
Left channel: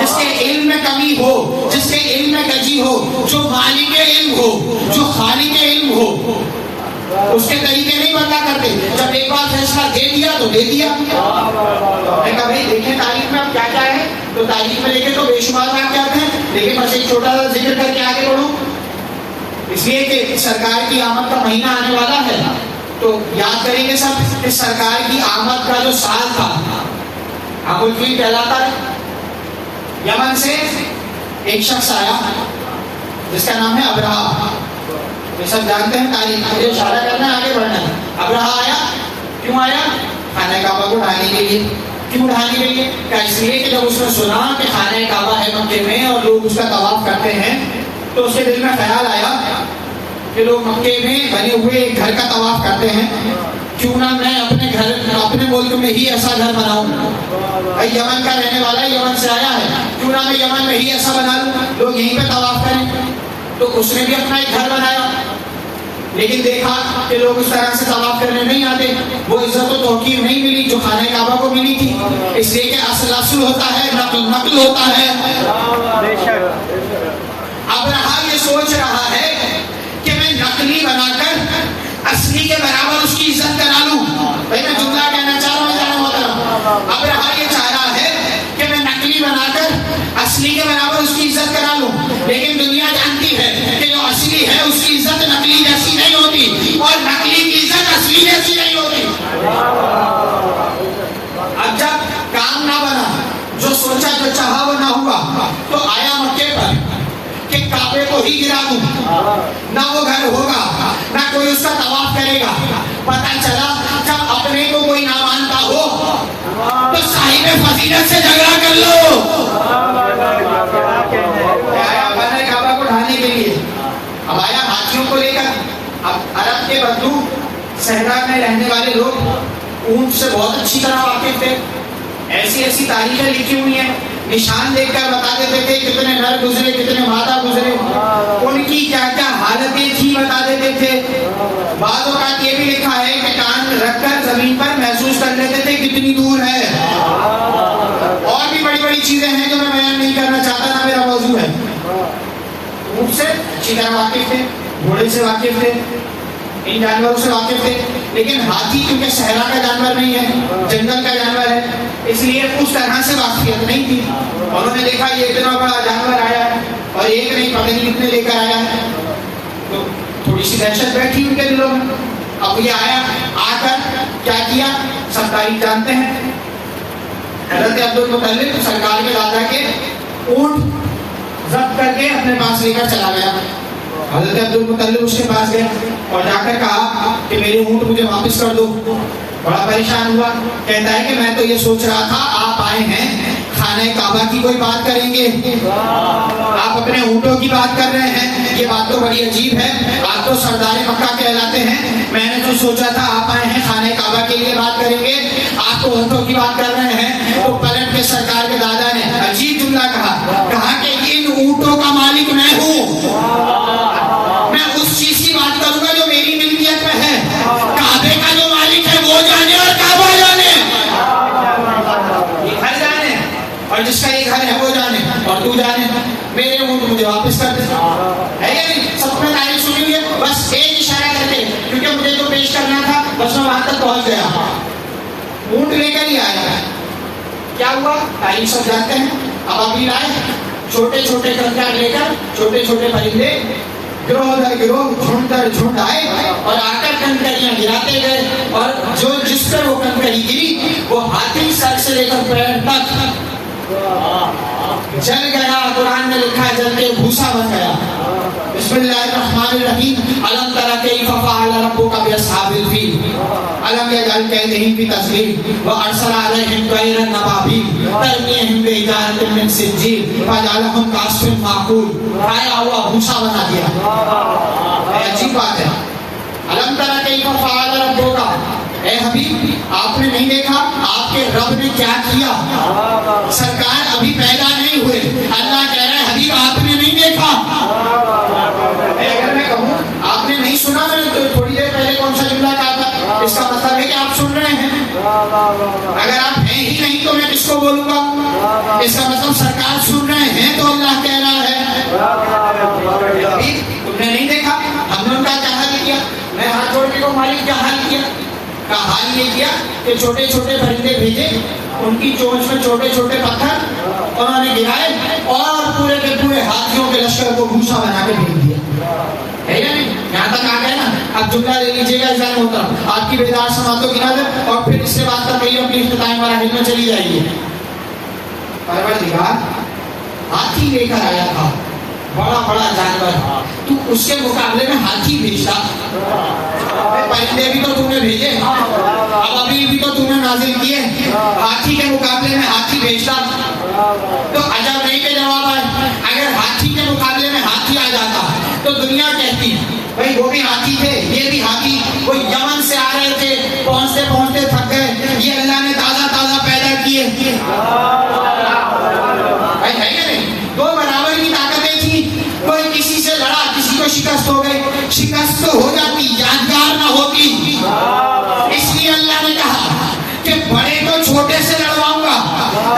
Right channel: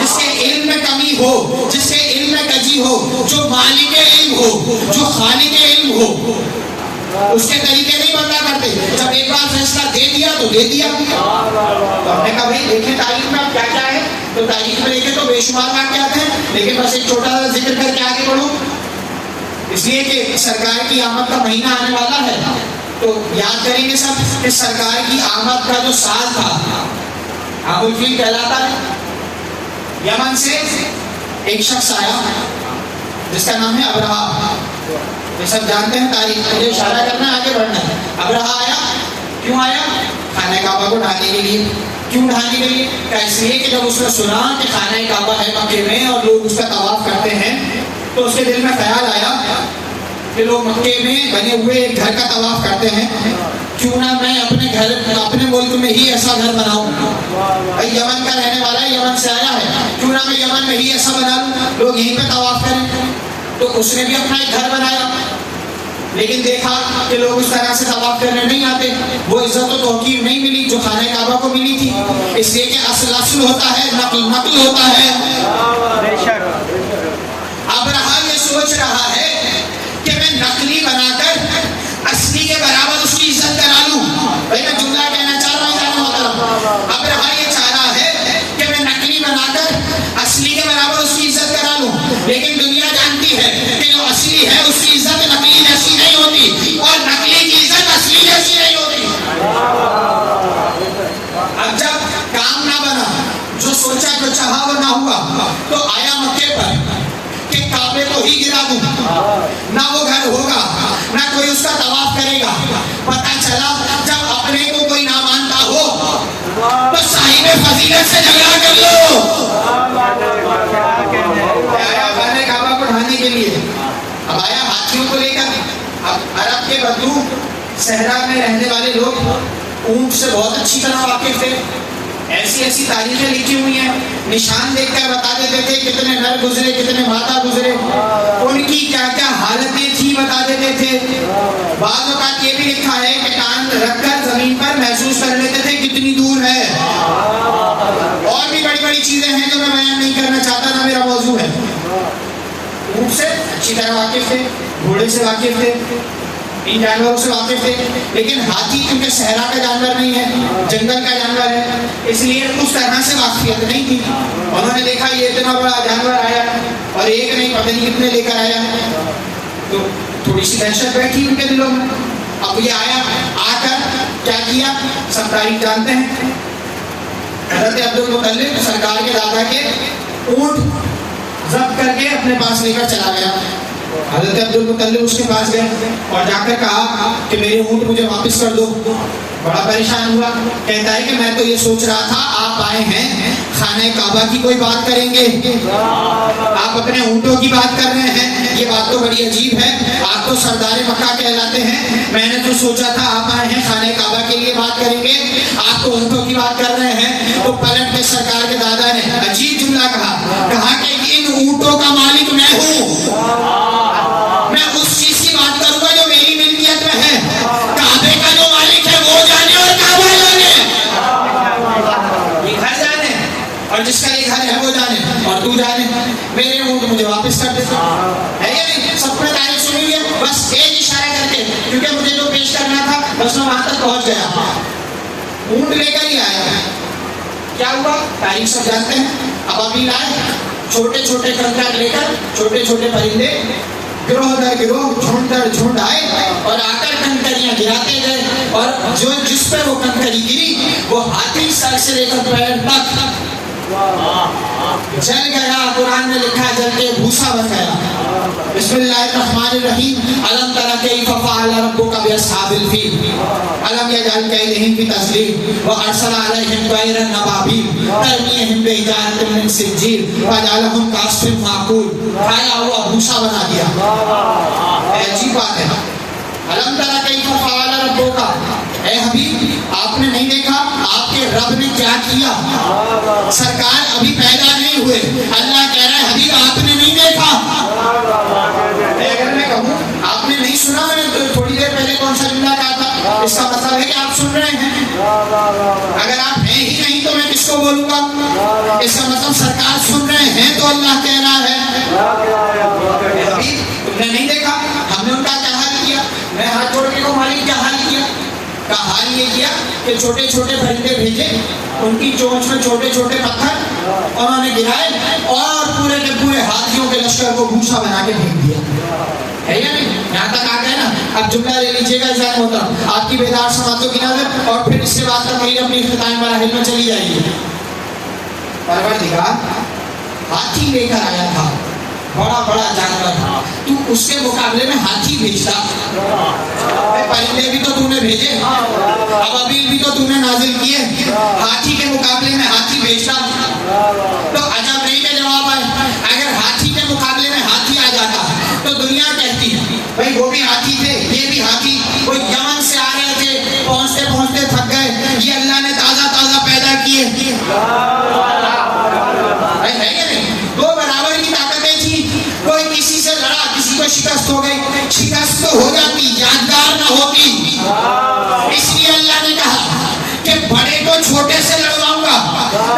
جس کے علم میں کمی ہو، جس کے علم میں کجی ہو، جو مالک علم ہو، جو خالق علم ہو، اس کے طریقے نہیں بدلا کرتے۔ جب ایک بار فیصلہ دے دیا تو دے دیا۔ تو ہم نے کہا بھائی دیکھیں تاریخ میں اب کیا کیا ہے، تو تاریخ میں دیکھیں تو بے شمار واقعات ہیں، لیکن بس ایک چھوٹا سا ذکر کر کے آگے بڑھوں، اس لیے کہ سرکار کی آمد کا مہینہ آنے والا ہے، تو یاد کریں گے سب کہ سرکار کی آمد کا جو سال تھا عام الفیل کہلاتا ہے۔ یمن سے ایک شخص آیا جس کا نام ہے ابرہہ، یہ سب جانتے ہیں تاریخ، مجھے اشارہ کرنا ہے آگے بڑھنا ہے۔ ابرہہ آیا، کیوں آیا؟ خانہ کعبہ کو ڈھانے کے لیے۔ کیوں ڈھانے کے لیے؟ کہ اس لیے کہ جب اس نے سنا کہ خانہ کعبہ ہے مکے میں اور لوگ اس کا طواف کرتے ہیں، تو اس کے دل میں خیال آیا کہ لوگ مکے میں بنے ہوئے ایک گھر کا طواف کرتے ہیں، کیوں نہ میں اپنے گھر اپنے ملک میں ہی ایسا گھر بناؤں۔ یمن کا رہنے والا ہے، یمن سے آیا ہے، کیوں نہ میں یمن میں ہی ایسا بنا لوں، لوگ یہیں پہ طواف کریں۔ تو اس نے بھی اپنا ایک گھر بنایا، لیکن دیکھا کہ لوگ اس طرح سے طواف کرنے نہیں آتے، وہ عزت و توقیر نہیں ملی جو خانہ کعبہ کو ملی تھی، اس لیے کہ اصل ہوتا ہے، نقل ہوتا ہے۔ اب رہا یہ سوچ رہا ہے کہ میں نقلی بنا کر اصلی کے برابر اس کی عزت کرا لوں۔ بھائی میں جملہ کہنا چاہ رہا ہوں جانا ہوتا، اب رہا یہ چاہ رہا ہے کہ میں نقلی بنا کر اصلی کے برابر اس کی عزت کرا لوں، لیکن دنیا جانتی ہے کہ جو اصلی ہے اس کی عزت نقلی جیسی نہیں ہوتی، اور نقلی کی عزت اصلی جیسی نہیں ہوتی۔ اب جب کام نہ بنا، جو سوچا جو چاہا وہ نہ ہوا، تو آیا مکے پر کہ کعبے کو ہی گرا دوں، نہ وہ گھر ہوگا، نہ کوئی اس کا طواف کرے گا۔ پتہ چلا جب اپنے کو کوئی نہ مانتا ہو تو صاحب فضیلت سے جھگڑا کر لو۔ آیا خانہ کعبہ کو ڈھانے کے لیے، اب آیا ہاتھیوں کو لے کر۔ اب عرب کے بدو صحرا میں رہنے والے لوگ اونٹ سے بہت اچھی طرح واقف تھے، ایسی ایسی تاریخیں لکھی ہوئی ہیں، نشان دیکھ کر بتا دیتے تھے کتنے نر گزرے، کتنے مادہ گزرے، ان کی کیا کیا حالتیں تھی بتا دیتے تھے۔ بعض اوقات یہ بھی لکھا ہے کہ کان رکھ کر زمین پر محسوس کر لیتے تھے کتنی دور ہے۔ اور بھی بڑی بڑی چیزیں ہیں جو میں بیان نہیں کرنا چاہتا، نہ میرا موضوع ہے۔ اونٹ سے اچھی طرح واقف تھے، گھوڑے سے واقف تھے، ان جانوروں سے واقف تھے، لیکن ہاتھی کیونکہ صحرا کا جانور نہیں ہے، جنگل کا جانور ہے، اس لیے اس طرح سے واقفیت نہیں تھی۔ انہوں نے دیکھا یہ اتنا بڑا جانور آیا ہے اور ایک نہیں پتہ نہیں کتنے لے کر آیا ہے، تو تھوڑی سی دہشت بیٹھی ان کے دلوں میں۔ اب یہ آیا، آ کر کیا کیا سب تاریخ جانتے ہیں۔ حضرت عبدالمطلب سرکار کے دادا کے اونٹ ضبط کر کے اپنے پاس لے کر چلا گیا۔ حضرت عبدالمطلب اس کے پاس گئے اور جا کر کہا کہ میرے اونٹ مجھے واپس کر دو۔ بڑا پریشان ہوا، کہتا ہے کہ میں تو یہ سوچ رہا تھا آپ آئے ہیں خانہ کعبہ کی کوئی بات کریں گے، آپ اپنے اونٹوں کی بات کر رہے ہیں، یہ بات تو بڑی عجیب ہے، آپ تو سردار مکہ کہلاتے ہیں، میں نے تو سوچا تھا آپ آئے ہیں خانہ کعبہ کے لیے بات کریں گے، آپ تو اونٹوں کی بات کر رہے ہیں۔ تو پلٹ کے سرکار کے دادا نے عجیب جملہ کہا کہ ان اونٹوں کا مالک میں ہوں، میں اس چیز کی بات کروں گا جو میری ملکیت میں ہے، کعبے کا جو مالک ہے وہ جانے اور کعبہ جانے، یہ گھر جانے اور جس کا یہ گھر ہے وہ جانے اور تو جانے، میرے اونٹ مجھے واپس کر دے۔ ہے یا نہیں؟ سب نے تعریف سنی ہوئی ہے، بس ایک اشارہ کر کے، کیونکہ مجھے جو پیش کرنا تھا بس میں وہاں تک پہنچ گیا، اونٹ لے کر ہی آیا۔ کیا ہوا تاریخ سب جانتے ہیں۔ اب ابھی آئے چھوٹے چھوٹے کنکر لے کر، چھوٹے چھوٹے پرندے گروہ در گروہ، جھنڈ در جھنڈ آئے اور آ کر کنکریاں گراتے گئے، اور جو جس پہ وہ کنکری گری وہ ہاتھی سر سے لے کر پیر تک جل گیا۔ قرآن میں لکھا ہے جل کے بھوسا بن گیا۔ بسم اللہ الرحمن الرحیم۔ الم تر کیف فعل ربک باصحاب الفیل الم یجعل کیدہم فی تضلیل وارسل علیہم طیرا ابابیل ترمیہم بحجارۃ من سجیل فجعلہم کعصف مأکول۔ کھایا ہوا بھوسا بنا دیا۔ عجیب بات ہے۔ الم تر کیف فعل ربک، اے حبیب آپ نے نہیں دیکھا آپ کے رب نے کیا کیا؟ سرکار ابھی پیدا نہیں ہوئے، اللہ کہہ رہا ہے حبیب آپ نے نہیں دیکھا۔ اگر میں کہوں آپ نے نہیں سنا، میں نے تھوڑی دیر پہلے کون سا جملہ کہا تھا، اس کا مطلب ہے کہ آپ سن رہے ہیں۔ اگر آپ ہیں ہی نہیں تو میں کس کو بولوں گا؟ اس کا مطلب سرکار سن رہے ہیں تو اللہ کہہ رہا ہے حبیب تم نے نہیں دیکھا ہم نے ان کا کیا حال کیا؟ میں ہاتھ جوڑ کے کہوں مالک کیا حال کیا؟ کا حال یہ کیا کہ چھوٹے چھوٹے پرندے بھیجے، ان کی چونچ میں چھوٹے چھوٹے پتھر انہوں نے گرائے اور پورے کے پورے ہاتھیوں کے لشکر کو بھوسا بنا کے بھیج دیا، ہے یا نہیں؟ یہاں تک آ گئے نا؟ اب جملہ لے لیجیے گا ذہن محترم، آپ کی بیدار سماعتوں کی نظر، اور پھر اس کے بعد تقریر اپنی اختتامی مراحل میں چلی جائے گی۔ پروردگار ہاتھی لے کر آیا تھا، بڑا بڑا جانور، تو اس کے مقابلے میں ہاتھی بھیجتا؟ پرندے بھی تو تم نے بھیجے، اب ابھی بھی تو تم نے نازل کیے، ہاتھی کے مقابلے میں ہاتھی بھیجتا؟ تو عجب نہیں کہ جواب آئے۔ اگر ہاتھی کے مقابلے میں ہاتھی آ جاتا تو دنیا کہتی بھائی وہ بھی ہاتھی تھے، یہ بھی ہاتھی، وہ یمن سے آ رہے تھے، پہنچتے پہنچتے تھک گئے، یہ اللہ نے تازہ تازہ پیدا کیے۔ بھائی ہے کہ نہیں؟ دو برابر کی طاقتیں تھیں، کوئی کسی سے لڑا، کسی کو شکست ہو گئی، شکست تو ہو جاتی، یادگار نہ ہوتی۔ اس لیے اللہ نے کہا کہ بڑے کو چھوٹے سے لڑواؤں گا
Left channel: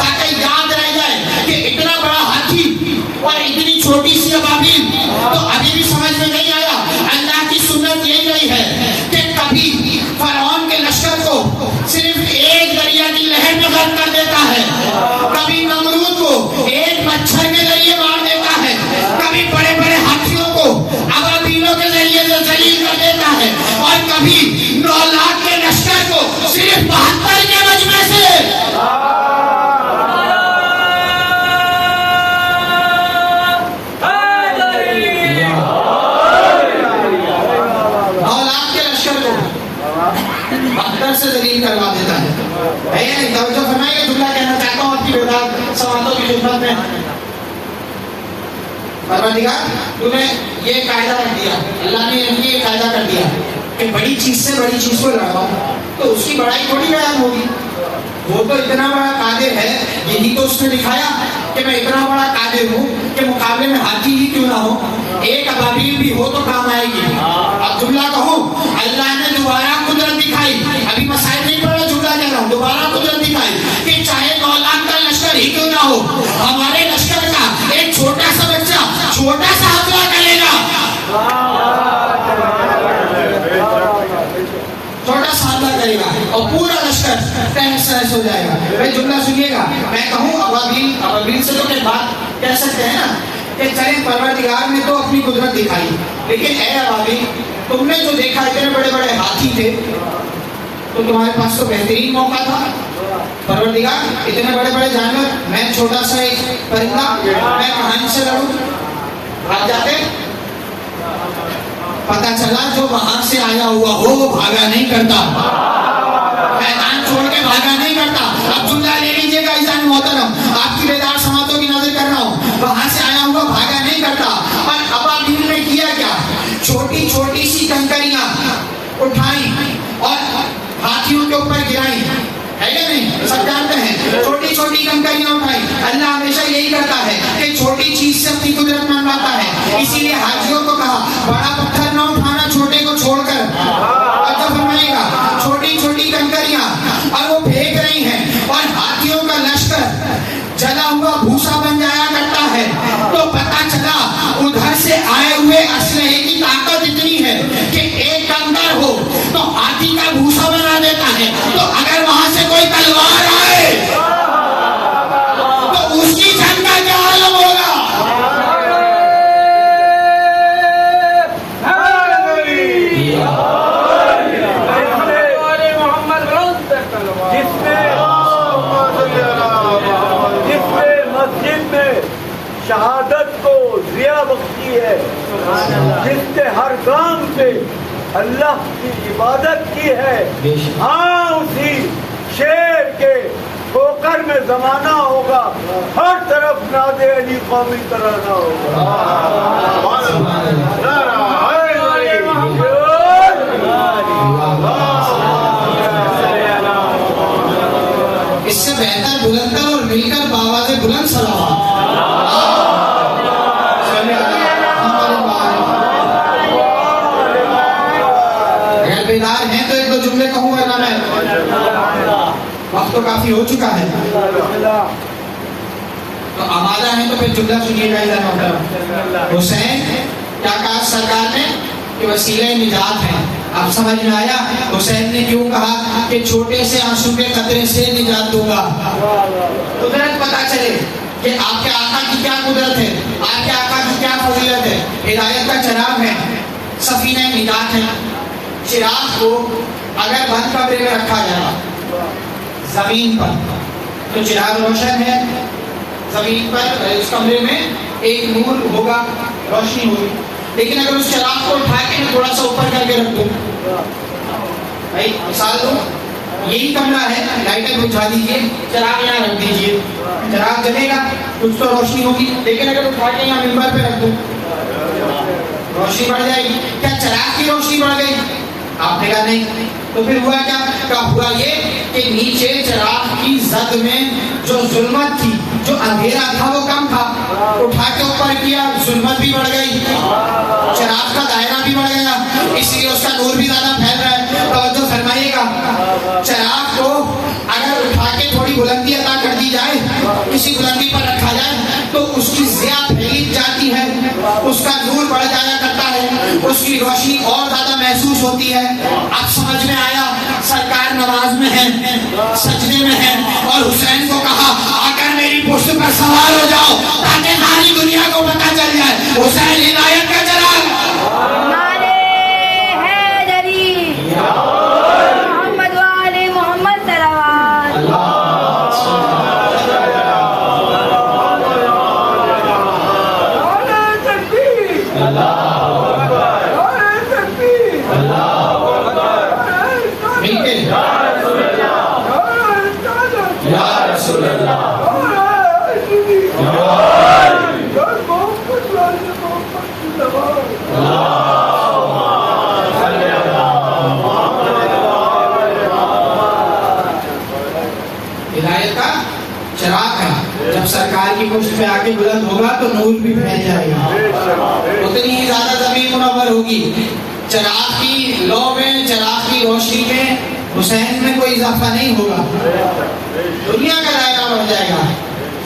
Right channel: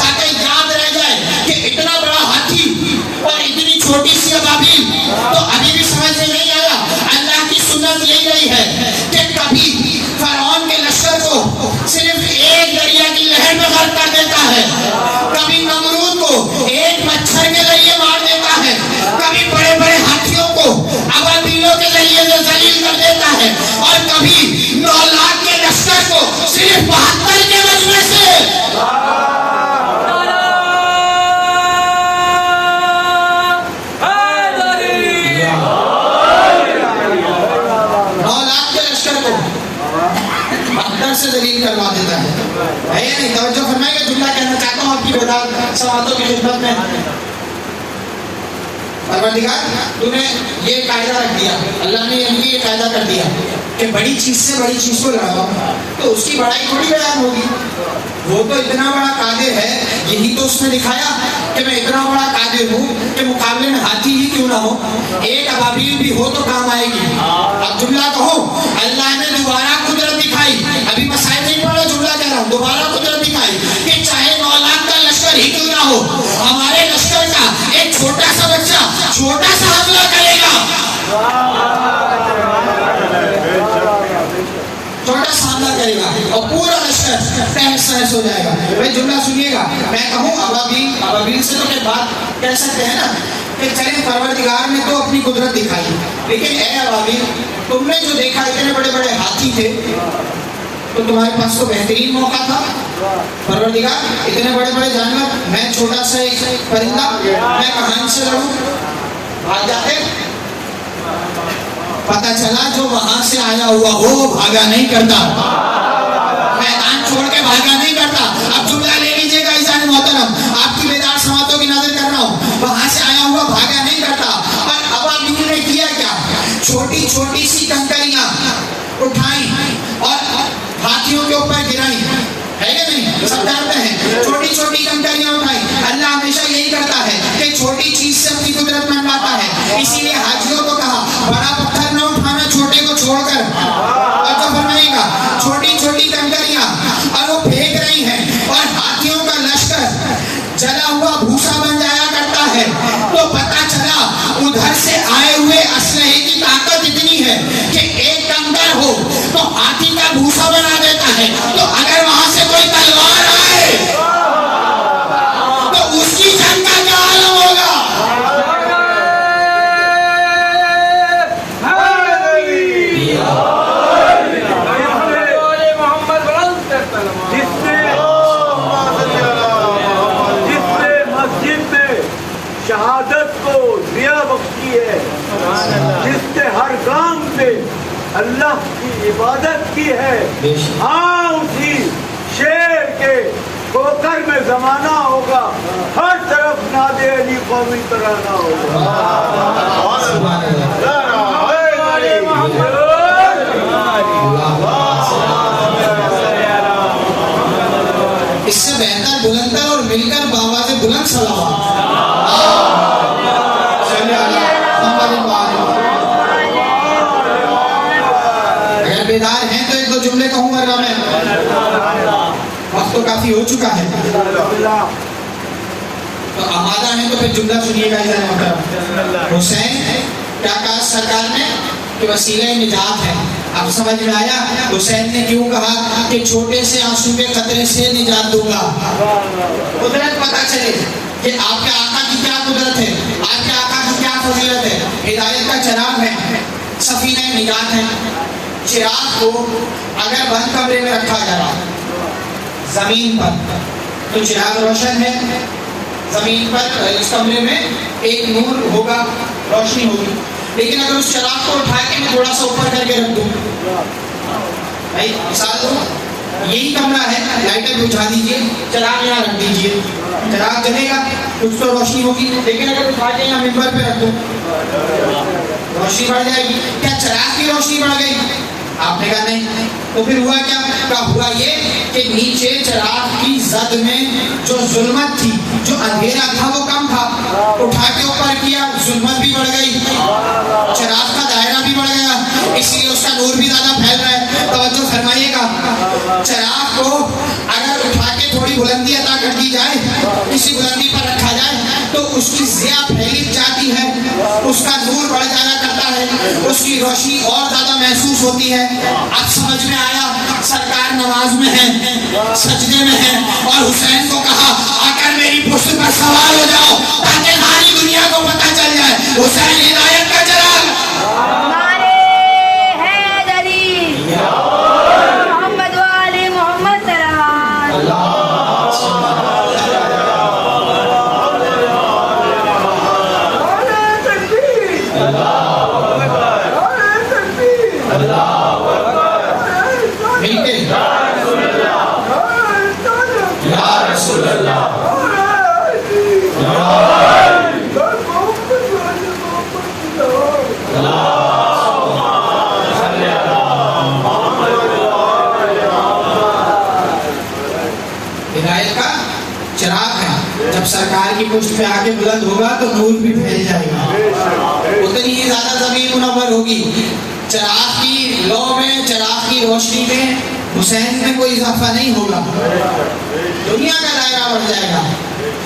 تاکہ یاد رہ جائے کہ اتنا بڑا ہاتھی اور اتنی چھوٹی سی ابابیل۔ تو ابھی بھی سمجھ میں نہیں آیا؟ اللہ کی سنت یہی رہی ہے کہ کبھی فرعون کے لشکر کو صرف ایک دریا کی لہر میں غرق کر دیتا ہے، کبھی نمرود کو ایک مچھر کے ذریعے مار دیتا ہے، کبھی بڑے بڑے ہاتھیوں کو ابابیلوں کے ذریعے سے ذلیل کر دیتا ہے، اور کبھی 9 لاکھ کے لشکر کو صرف 72 کے مجمع سے۔ 9 لاکھ کے لشکر کو 72 سے ذلیل کروا دیتا ہے۔ نہیں توجہ فرمائیں گے؟ جملہ کہنا چاہتا ہوں آپ کی بیدار سماعتوں کی خدمت میں۔ پروردگار تو نے یہ قاعدہ رکھ دیا، اللہ نے ان کی یہ قاعدہ کر دیا کہ بڑی چیز سے بڑی چیز کو لڑاؤ، تو اس کی بڑائی تھوڑی بیان ہوگی، وہ تو اتنا بڑا قادر ہے، یہی تو اس نے دکھایا کہ میں اتنا بڑا قادر ہوں کہ مقابلے میں ہاتھی ہی کیوں نہ ہو، ایک ابابیل بھی ہو تو کام آئے گی۔ اب جملہ کہو اللہ نے دوبارہ قدرت دکھائی، ابھی میں سائد نہیں پڑھ رہا، جملہ کہہ رہا ہوں، دوبارہ قدرت دکھائی کہ چاہے 9 لاکھ کا لشکر ہی کیوں نہ ہو، ہمارے لشکر کا ایک چھوٹا سا بچہ چھوٹا سا حملہ کرے گا، چھوٹا سا حملہ کرے گا اور پورا لشکر تہس نہس ہو جائے گا۔ بھائی جملہ سنیے گا، میں کہوں ابابیل سے تو بات کہہ سکتے ہیں نا کہ چلیں پروردگار نے تو اپنی قدرت دکھائی، لیکن اے ابابیل تم نے جو دیکھا اتنے بڑے بڑے ہاتھی تھے، تو تمہارے پاس تو بہترین موقع تھا۔ پروردگار اتنے بڑے بڑے جانور، میں چھوٹا سا ایک پرندہ، میں کہاں ان سے لڑوں؟ بھاگ جاتے؟ پتہ چلا جو وہاں سے آیا ہوا ہو وہ بھاگا نہیں کرتا، میدان چھوڑ کے بھاگا نہیں کرتا۔ اب جملہ لے لیجیے گا عزیزان محترم، آپ کی بیدار سماعتوں کی نظر کر رہا ہوں، وہاں سے آیا ہوا بھاگا نہیں کرتا۔ اور ابابیل نے کیا کیا؟ چھوٹی چھوٹی سی کنکریاں اٹھائیں اور ہاتھیوں کے اوپر گرائیں، ہے کہ نہیں؟ سب جانتے ہیں چھوٹی چھوٹی کنکریاں اٹھائیں۔ اللہ ہمیشہ یہی کرتا ہے کہ چھوٹی چیز سے اپنی قدرت منواتا ہے، اسی لیے حاجیوں کو کہا بڑا پتھر نہ اٹھانا چھوٹے کو چھوڑ کر، اور فرمائے گا چھوٹی چھوٹی کنکریاں، اور وہ پھینک رہی ہیں اور ہاتھیوں کا لشکر جلا ہوا بھوسا بن جایا کرتا ہے۔ تو پتہ چلا ادھر سے آئے ہوئے اسلحے کی طاقت اتنی ہے کہ ایک کنکر ہو تو ہاتھی کا بھوسا بنا دیتا ہے، تو اگر وہاں سے کوئی تلوار آئے تو اس کی جنگ کا کیا عالم ہوگا؟ شہادت کو ضیا بخشی ہے، جس نے ہر کام سے اللہ کی عبادت کی ہے، ہاں اسی شیر کے ٹھوکر میں زمانہ ہوگا، ہر طرف ناد علی قومی ترانہ ہوگا۔ بیدار ہیں تو ایک دو جملے کہوں گا میں، وقت تو کافی ہو چکا ہے، تو آمادہ ہیں تو پھر جملہ سنیے گا ادھر محترم۔ حسین کیا کہا سرکار نے کہ وسیلہ نجات ہے، اب سمجھ میں آیا حسین نے کیوں کہا کہ چھوٹے سے آنسو کے قطرے سے نجات دوں گا۔ قدرت پتہ چلے کہ آپ کے آقا کی کیا قدرت ہے، آپ کے آقا کی کیا فضیلت ہے، ہدایت کا چراغ ہے، سفینہ نجات ہے۔ چراغ کو اگر بند کمرے میں رکھا جائے زمین پر تو چراغ روشن ہے، زمین پر اس کمرے میں ایک نور ہوگا، روشنی ہوگی، لیکن اگر اس چراغ کو اٹھا کے میں تھوڑا سا اوپر کر کے رکھ دوں، بھائی مثال دو، یہی کمرہ ہے، لائٹر بجھا دیجئے، چراغ یہاں رکھ دیجئے، چراغ جلے گا تو اس پر روشنی ہوگی، لیکن اگر اٹھا کے یہاں ممبر پہ رکھ دو روشنی بڑھ جائے گی۔ کیا چراغ کی روشنی بڑھ گئی؟ آپ نے کہا نہیں، تو پھر ہوا کیا؟ ہوا یہ کہ نیچے چراغ کی زد میں جو ظلمت تھی، جو اندھیرا تھا وہ کم تھا، اٹھا کے اوپر کیا، ظلمت بھی بڑھ گئی، چراغ کا دائرہ بھی بڑھ گیا، اس لیے اس کا نور بھی زیادہ پھیل رہا ہے۔ توجہ فرمائیے گا، چراغ کو اگر اٹھا کے تھوڑی بلندی عطا کر دی جائے، کسی بلندی پر رکھا جائے تو اس کی ضیاء پھیلی جاتی ہے، اس کا نور بڑھ جایا کرتا ہے، اس کی روشنی اور زیادہ محسوس ہوتی ہے۔ اب سمجھ میں آیا، سرکار نماز میں ہے، سجدے میں ہے، اور حسین کو کہا آ کر میری پشت پر سوار ہو جاؤ تاکہ ساری دنیا کو پتہ چل جائے حسین ہدایت کا چراغ۔ ہدایت کا چراغ ہے، جب سرکار کی پشت پہ آگے بلند ہوگا تو نور بھی پھیل جائے گا، اتنی ہی زیادہ زمین منور ہوگی۔ چراغ کی لو میں، چراغ کی روشنی میں حسین میں کوئی اضافہ نہیں ہوگا، دنیا کا دائرہ بڑھ جائے گا،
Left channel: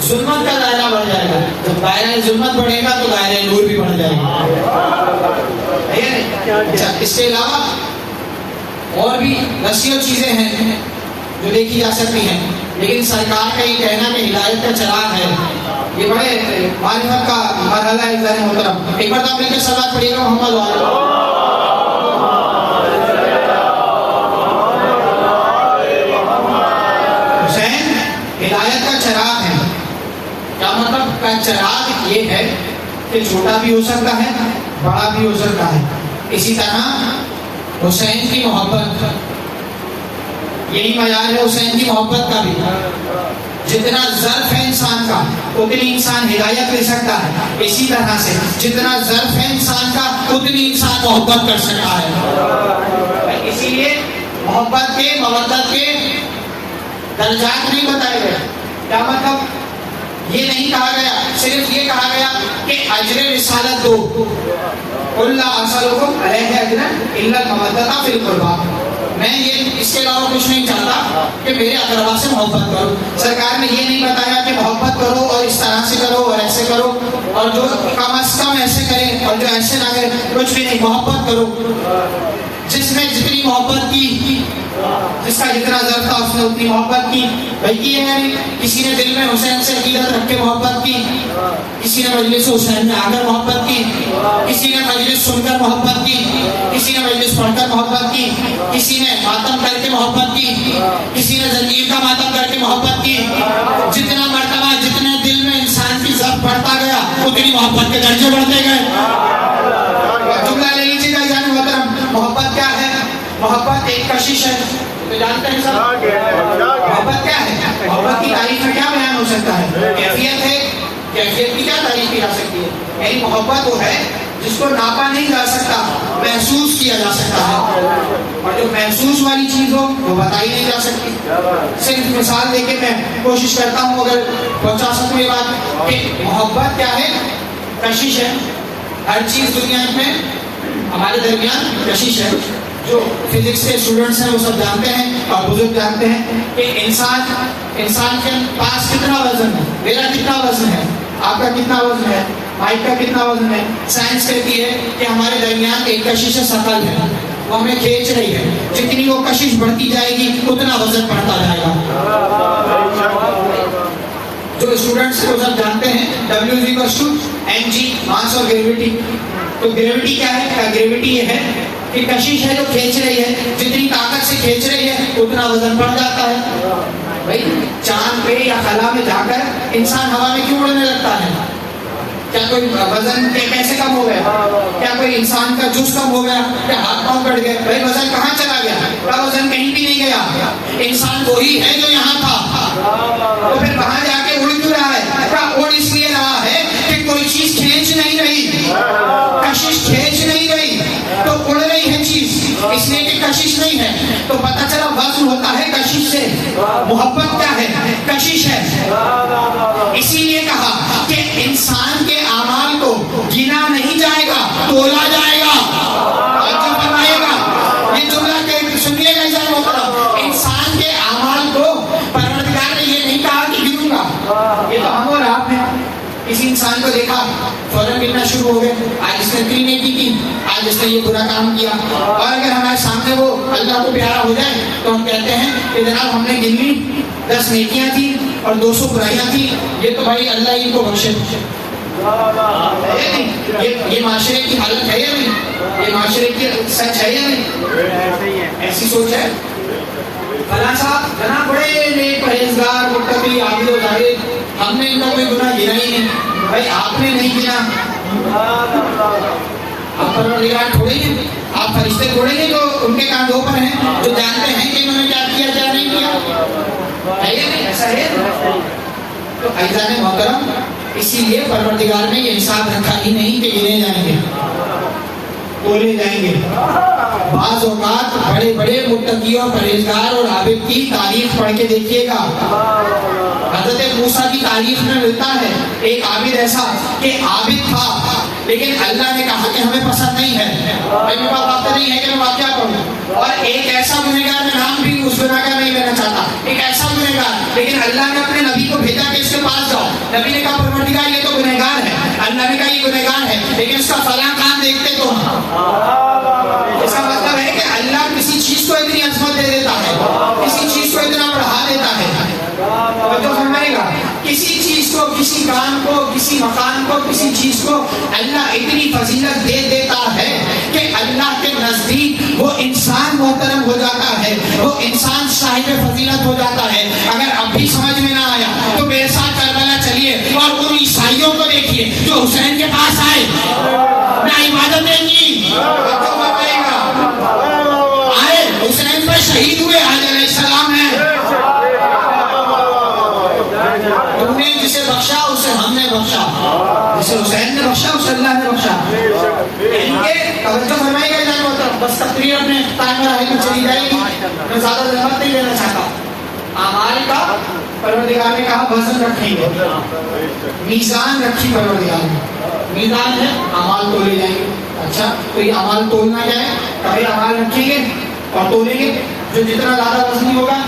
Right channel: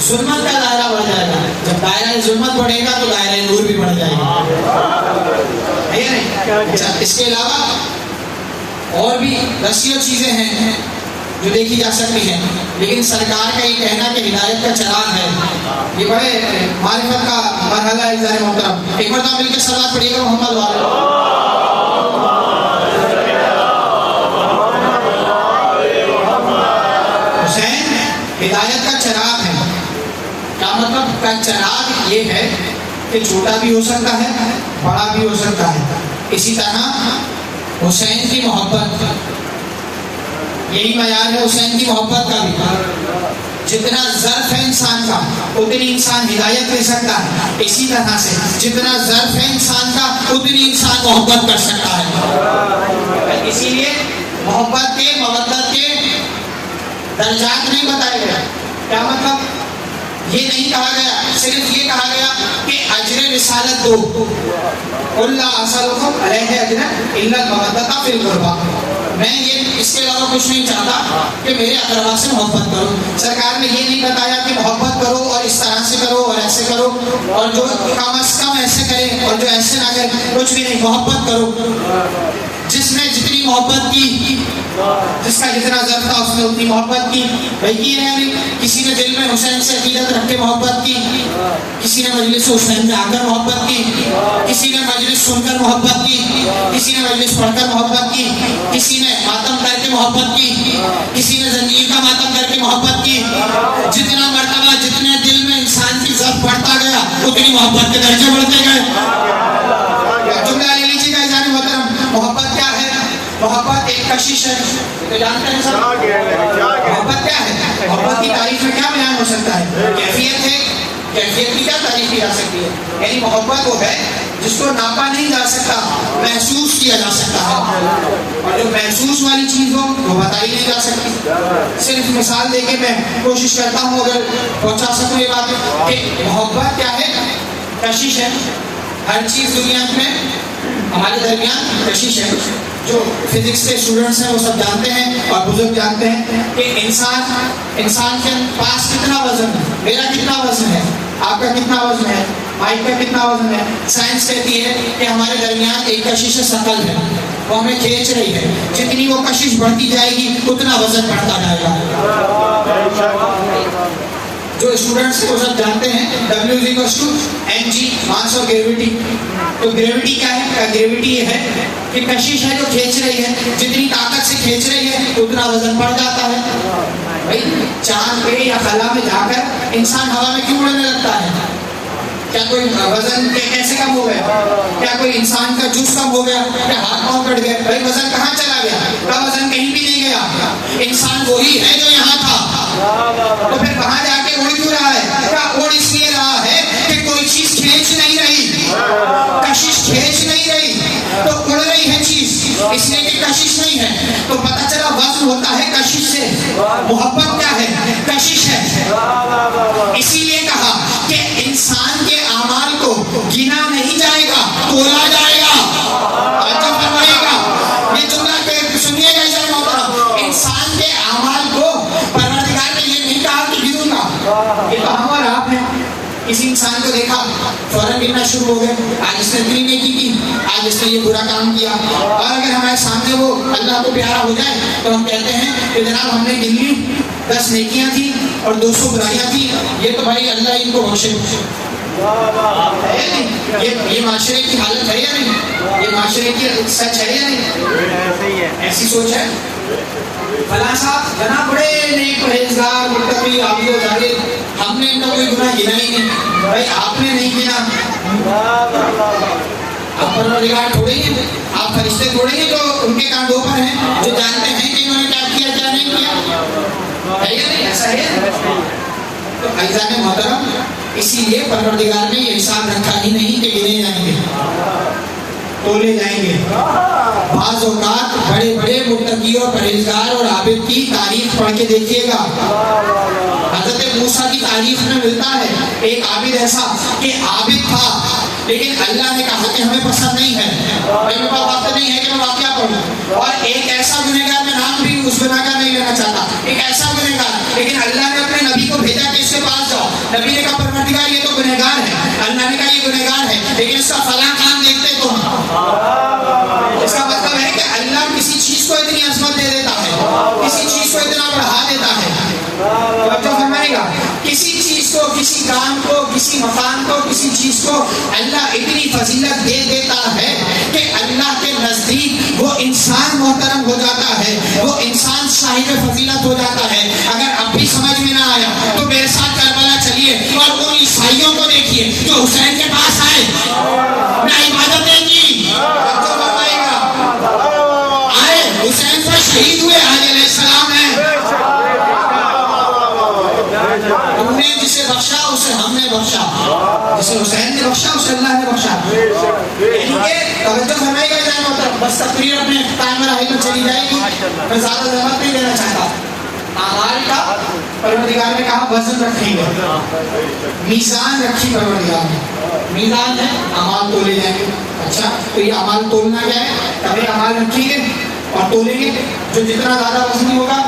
ظلمت کا دائرہ بڑھ جائے گا۔ جب دائرہ ظلمت بڑھے گا تو دائرہ نور بھی بڑھ جائے گا، ہے نہیں؟ اس کے علاوہ اور بھی دسیوں چیزیں ہیں جو دیکھی جا سکتی ہیں، لیکن سرکار کا یہ کہنا کہ ہدایت کا چراغ ہے، یہ بڑے معرفت کا مرحلہ ہے۔ عزیزان محترم، ایک مرتبہ مل کے صلوات پڑھیے گا محمد والے۔ حسین ہدایت کا چراغ ہے، کیا مطلب کا چراغ یہ ہے کہ چھوٹا بھی ہو سکتا ہے، بڑا بھی ہو سکتا ہے۔ اسی طرح حسین کی محبت، یہی معیار ہے حسین کی محبت کا بھی، جتنا ظرف ہے انسان کا اتنی انسان ہدایت لے سکتا ہے، اسی طرح سے جتنا ظرف ہے انسان کا اتنی انسان محبت کر سکتا ہے۔ اسی لیے محبت کے، مودت کے درجات نہیں بتائے گئے۔ کیا مطلب؟ یہ نہیں کہا گیا، صرف یہ کہا گیا کہ اجر رسالت دو، قل لا اسألکم علیہ اجرا الا المودۃ فی القربیٰ، میں یہ اس کے علاوہ کچھ نہیں چاہتا کہ میرے اقربا سے محبت کرو۔ سرکار نے یہ نہیں بتایا کہ محبت کرو اور اس طرح سے کرو اور ایسے کرو، اور جو کم از کم ایسے کرے اور جو ایسے نہ کرے، کچھ بھی نہیں، محبت کرو۔ جس نے جتنی محبت کی، جس کا جتنا ضرف تھا اس نے اتنی محبت کی، بھائی کی ہے نہیں؟ کسی نے دل میں حسین سے عقیدت رکھ کے محبت کی، کسی نے مجلس حسین میں آ کر محبت کی، کسی نے مجلس سن کر محبت کی، کسی نے مجلس پڑھ کر محبت کی، کسی نے ماتم کر کے محبت کی، کسی نے زنجیر کا ماتم کر کے محبت کی۔ جتنا مرتبہ جتنے دل میں انسان کی ضرف بڑھتا گیا اتنی محبت کے درجے بڑھتے گئے۔ جملہ لے لیجیے گا عزیزان محترم، محبت کیا ہے؟ محبت ایک کشش ہے، تو جانتے ہیں سب محبت کیا ہے؟ محبت کی تعریف میں کیا بیان ہو سکتا ہے؟ کیفیت ہے، کیفیت کی کیا تعریف کی جا سکتی ہے؟ یعنی محبت وہ ہے جس کو ناپا نہیں جا سکتا، محسوس کیا جا سکتا ہے، اور جو محسوس والی چیز ہو وہ بتائی نہیں جا سکتی۔ صرف مثال دے کے میں کوشش کرتا ہوں اگر پہنچا سکوں یہ بات کہ محبت کیا ہے؟ کشش ہے۔ ہر چیز دنیا میں ہمارے درمیان کشش ہے، جو فزکس کے اسٹوڈنٹس ہیں وہ سب جانتے ہیں اور بزرگ جانتے ہیں کہ انسان کے پاس کتنا وزن ہے. میرا کتنا وزن ہے, آپ کا کتنا وزن ہے, مائک کا کتنا وزن ہے. سائنس کہتی ہے کہ ہمارے درمیان ایک کشش ثقل ہے, وہ ہمیں کھینچ رہی ہے. جتنی وہ کشش بڑھتی جائے گی اتنا وزن بڑھتا جائے گا. جو اسٹوڈنٹس کو سب جانتے ہیں W=mg ماس اور گریویٹی. تو گریویٹی کیا ہے؟ گریویٹی یہ ہے کہ کشش ہے جو کھینچ رہی ہے, جتنی طاقت سے کھینچ رہی ہے اتنا وزن بڑھ جاتا ہے. بھائی چاند پہ یا خلا میں جا کر انسان ہوا میں کیوں اڑنے لگتا ہے؟ کیا کوئی وزن کیسے کم ہو گیا؟ کیا کوئی انسان کا جز کم ہو گیا؟ کیا ہاتھ پاؤں کٹ گئے؟ بھائی وزن کہاں چلا گیا؟ کا وزن کہیں بھی نہیں گیا. انسان وہی ہے جو یہاں تھا. تو پھر وہاں جا کے اڑ کیوں رہا ہے؟ کیا اڑ اس لیے رہا ہے کہ کوئی چیز کھینچ نہیں رہی, کشش کھینچ نہیں رہی, تو اڑ رہی ہے چیز, اس لیے کہ کشش نہیں ہے. تو پتہ چلا وزن ہوتا ہے کشش سے. محبت کیا ہے؟ کشش ہے. اسی لیے کہا کہ انسان کے اعمال کو گنا نہیں جائے گا, تولا جائے گا. یہ جملہ سنیے گا جائے محترم, انسان کے اعمال کو پروردگار نے یہ نہیں کہا کہ گنوں گا. یہ تو ہم اور آپ ہیں. کسی انسان کو دیکھا فوراً گننا شروع ہو گئے, آج اس نے اتنی نیکی کی, آج اس نے یہ برا کام کیا. اور اگر ہمارے سامنے وہ اللہ کو پیارا ہو جائے تو ہم کہتے ہیں کہ جناب ہم نے گن لی 10 نیکیاں تھیں اور 200 برائیاں تھیں, یہ تو بھائی اللہ ان کو بخشے. یہ معاشرے کی حالت ہے یا نہیں؟ یہ معاشرے کی سچ ہے یا نہیں؟ ایسی سوچ ہے. فلاں صاحب جناب بڑے نیک پرہیزگار متقی عابد و زاہد, ہم نے ان کا کوئی گناہ گنا ہی نہیں. بھائی آپ نے نہیں گنا, آپ پروردگار تھوڑے ہی, آپ فرشتے تھوڑے ہی جو ان کے کاندھوں پر ہیں, جو جانتے ہیں کہ انہوں نے کیا کیا کیا نہیں کیا. ہے یا نہیں؟ ایسا ہے. تو عزیزان محترم, اسی لیے پروردگار نے یہ انصاف رکھا ہی نہیں کہ گنے جائیں گے, تولے جائیں گے. بعض اوقات بڑے بڑے متقی اور پرہیزگار اور عابد کی تاریخ پڑھ کے دیکھیے گا. حضرت موسیٰ کی تاریخ میں ملتا ہے ایک عابد ایسا کہ عابد تھا لیکن اللہ نے کہا کہ ہمیں پسند نہیں ہے. میرے پاس وقت نہیں ہے کہ میں واقعہ پڑھوں. اور ایک ایسا گنہگار, میں نام بھی اس گناہ کا نہیں لینا چاہتا, ایک ایسا گنہگار, لیکن اللہ نے اپنے نبی کو بھیجا کہ اس کے پاس جاؤ. نبی نے کہا پروردگار یہ تو گنہگار ہے. اللہ نے کہا یہ گنہگار ہے لیکن اس کا فلاں کام دیکھتے تو اس کا مطلب ہے کہ اللہ کسی چیز کو اتنی عظمت دے دیتا ہے, کسی چیز کو اتنا بڑھا دیتا ہے. توجہ فرمائے گا, کسی چیز کو, کسی کام کو, کسی مکان کو, کسی چیز کو اللہ اتنی فضیلت دے دیتا ہے کہ اللہ کے نزدیک وہ انسان محترم ہو جاتا ہے, وہ انسان صاحب فضیلت ہو جاتا ہے. اگر اب بھی سمجھ میں نہ آیا تو میرے ساتھ کربلا چلیے اور ان عیسائیوں کو دیکھیے جو حسین کے پاس آئے, نہ عبادتیں کی, آئے حسین پر شہید ہوئے, علیہ السلام ہے. تم نے جسے بخشا اسے ہم نے بخشا, جسے حسین نے بخشا اسے اللہ نے بخشا. یعنی کہ توجہ فرمائے گا جائے مطلب, بس تقریر اپنے ٹائمر آئے میں چلی جائے گی, میں زیادہ زحمت نہیں دینا چاہتا. اعمال کا پروردگار نے کہا وزن رکھیں گے, میزان رکھی پروردگار نے. میزان ہے اعمال تولے جائیں گے. اچھا تو یہ اعمال تولنا کیا ہے؟ کبھی اعمال رکھیں گے اور تولیں گے, جو جتنا زیادہ وزنی ہوگا.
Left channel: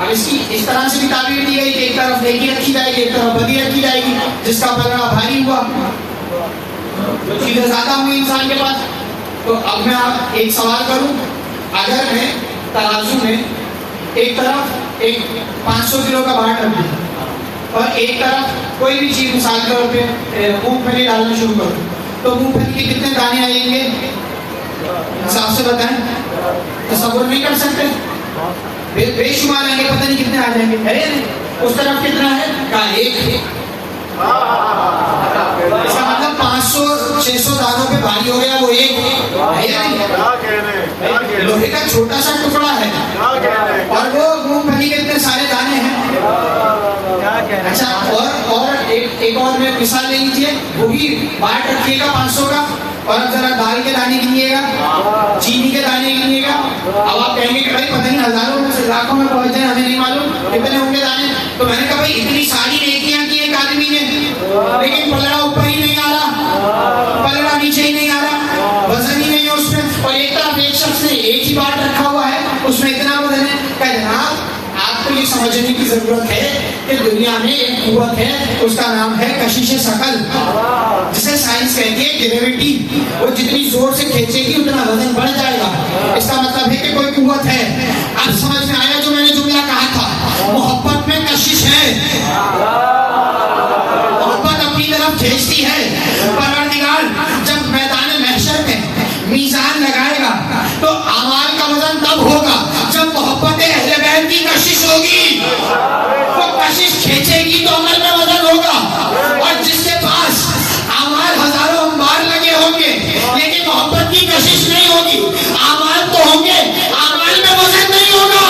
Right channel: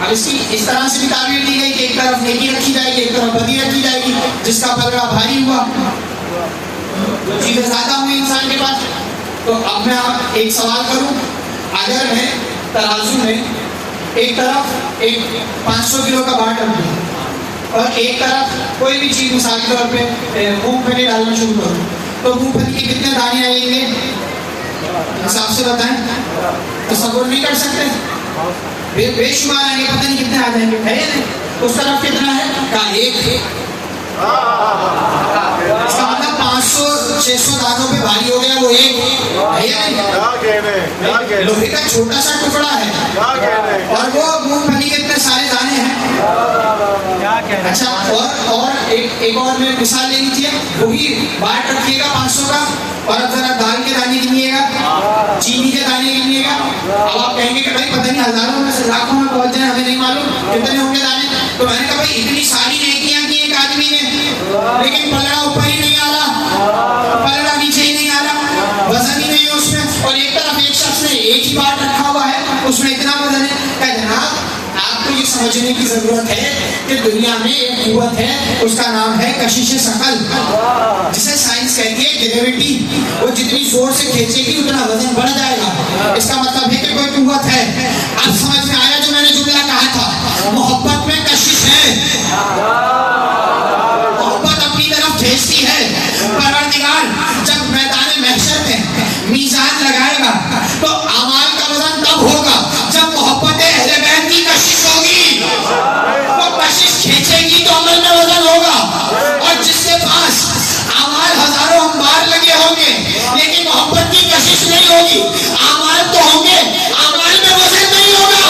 اب اس کی اس طرح سے بھی تعبیر دی گئی کہ ایک طرف نیکی رکھی جائے گی, ایک طرف بدی رکھی جائے گی. جس کا پلڑا بھاری ہوا, جو چیزیں زیادہ ہوئی انسان کے پاس. تو اب میں آپ ایک سوال کروں, اگر میں ترازو میں ایک طرف ایک 500 کلو کا بار رکھ دوں اور ایک طرف کوئی بھی چیز مثال کے طور پہ مونگ پھلی ڈالنا شروع کروں, تو مونگ پھلی کے کتنے دانے آئیں گے؟ انصاف سے بتائیں, تصور نہیں کر سکتے. بے شمار آئیں گے, پتہ نہیں کتنے آ جائیں گے. ہے اس طرف کتنا ہے؟ کہا ایک. اس کا مطلب 500-600 دانوں پہ بھاری ہو گیا وہ ایک ہے یا نہیں؟ لوہے کا چھوٹا سا ٹکڑا ہے اور وہ مونگ پھلی کے اتنے سارے دانے ہیں. اچھا اور ایک اور میں مثال لے لیجیے, وہی بار رکھیے گا 500 کا, اور اب ذرا دال کے دانے گنیے گا, چینی کے دانے گنیے گا. اب آپ کہیں گے کہ بھائی پتہ نہیں ہزاروں میں سے لاکھوں میں پہنچ جائیں, ہمیں نہیں معلوم کتنے ہوں گے دانے. تو میں نے کہا بھائی اتنی ساری نیکیاں کی ایک آدمی نے, لیکن پلڑا اوپر ہی نہیں آ رہا, پلڑا نیچے ہی نہیں آ رہا, وزن ہی نہیں ہے اس میں. اور ایک طرف ایک شخص نے ہی بات رکھا ہوا ہے اس میں اتنا وزن ہے کہ جناب آپ کو یہ سمجھنے کی ضرورت ہے کہ دنیا میں ایک قوت ہے, اس کا نام ہے کشش ثقل, جسے سائنس کہتی ہے گریویٹی. وہ جتنی زور سے کھینچے گی اتنا وزن بڑھ جائے گا. اس کا مطلب ہے کہ کوئی قوت ہے. اب سمجھ میں آیا جو میں نے جملہ کہا تھا, محبت میں کشش ہے, محبت اپنی طرف کھینچتی ہے. پروردگار جب میدان محشر میں میزان لگائے گا تو اعمال کا وزن تب ہوگا جب محبت اہل بیت کی کشش ہوگی. وہ کشش کھینچے گی تو عمل میں وزن ہوگا. اور جس کے پاس اعمال ہزاروں انبار لگے ہوں گے لیکن محبت کی کشش نہیں ہوگی, اعمال تو ہوں گے, اعمال میں وزن نہیں ہوگا.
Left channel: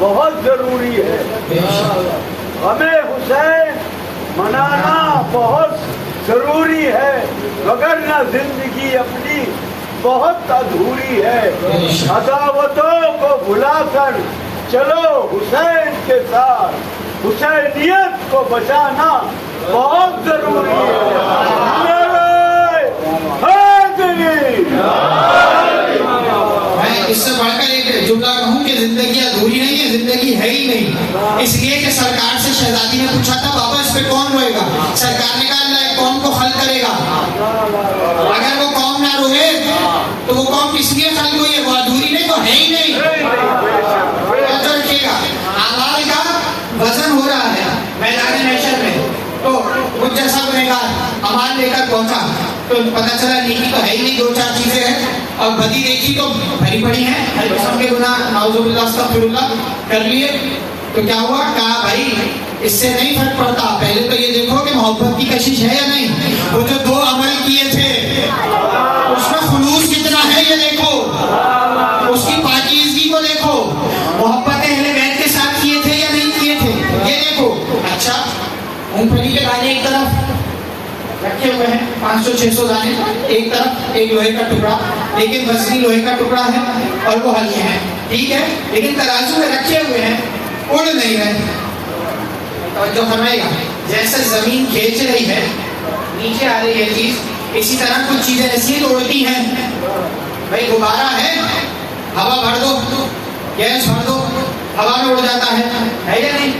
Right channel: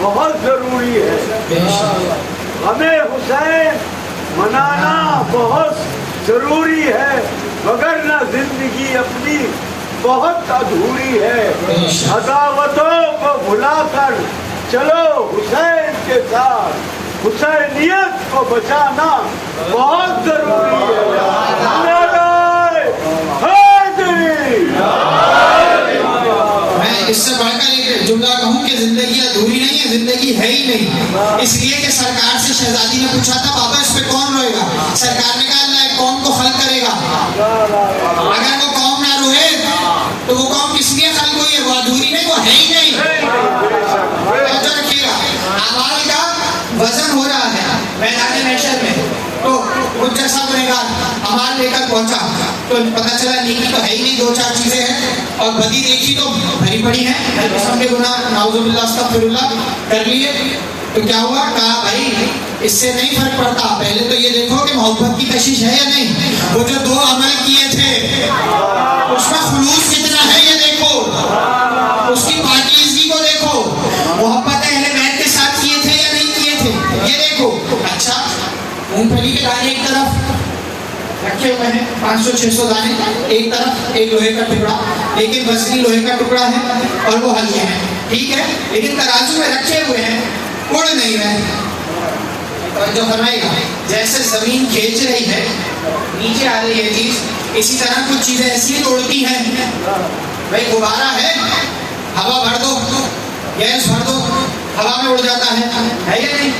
بہت ضروری ہے. ہمیں حسین منانا بہت ضروری ہے, وگرنہ زندگی اپنی بہت ادھوری ہے. عداوتوں کو بھلا کر چلو حسین کے ساتھ, حسینیت کو بچانا بہت ضروری ہے. میں اس سے بڑھ کر ایک جملہ کہوں کہ زندگی ادھوری نہیں ہے, زندگی ہے ہی نہیں. اس لیے کہ سرکار سے شہزادی نے پوچھا تھا بابا اس پہ کون روئے گا, سرکار نے کہا اللہ قوم کو خلق کرے گا. اگر وہ قوم نہ روئے تو وہ قوم کس لیے خلق ہوئی ہے, وہ ادھوری نہیں, وہ ہے ہی نہیں. توجہ رکھیے گا, اعمال کا وزن ہو رہا ہے میدان محشر میں. تو مجھ جیسا گنہگار اعمال لے کر پہنچا تو پتہ چلا نیکی تو ہے ہی نہیں, دو چار چیزیں ہیں, اور بدی دیکھی تو بھری پڑی ہیں, ہر قسم کے گناہ نعوذ باللہ استغفر اللہ کر لیے. تو کیا ہوا, کہا بھائی اس سے نہیں فرق پڑتا, پہلے تو یہ دیکھو کہ محبت کی کشش ہے یا نہیں. وہ جو دو عمل کیے تھے اس میں خلوص کتنا ہے یہ دیکھو, اس کی پاکیزگی کو دیکھو, محبت اہل بیت کے ساتھ کیے تھے یا نہیں کیے تھے یہ دیکھو. اچھا مونگ پھلی کے دانے ایک طرف رکھے ہوئے ہیں, 500-600 دانے ایک طرف, ایک لوہے کا ٹکڑا, لیکن وزنی لوہے کا ٹکڑا ہے اور وہ ہلکے ہیں, ٹھیک ہے, لیکن ترازو میں رکھے ہوئے ہیں, اڑ نہیں رہے. جو فرمائے گا جیسے زمین کھینچ رہی ہے نیچے آ رہی ہے چیز, اسی طرح کچھ چیزیں ایسی اڑتی ہیں. بھائی غبارہ ہے, ہوا بھر دو, گیس بھر دو, ہوا میں اڑ جاتا ہے یا نہیں.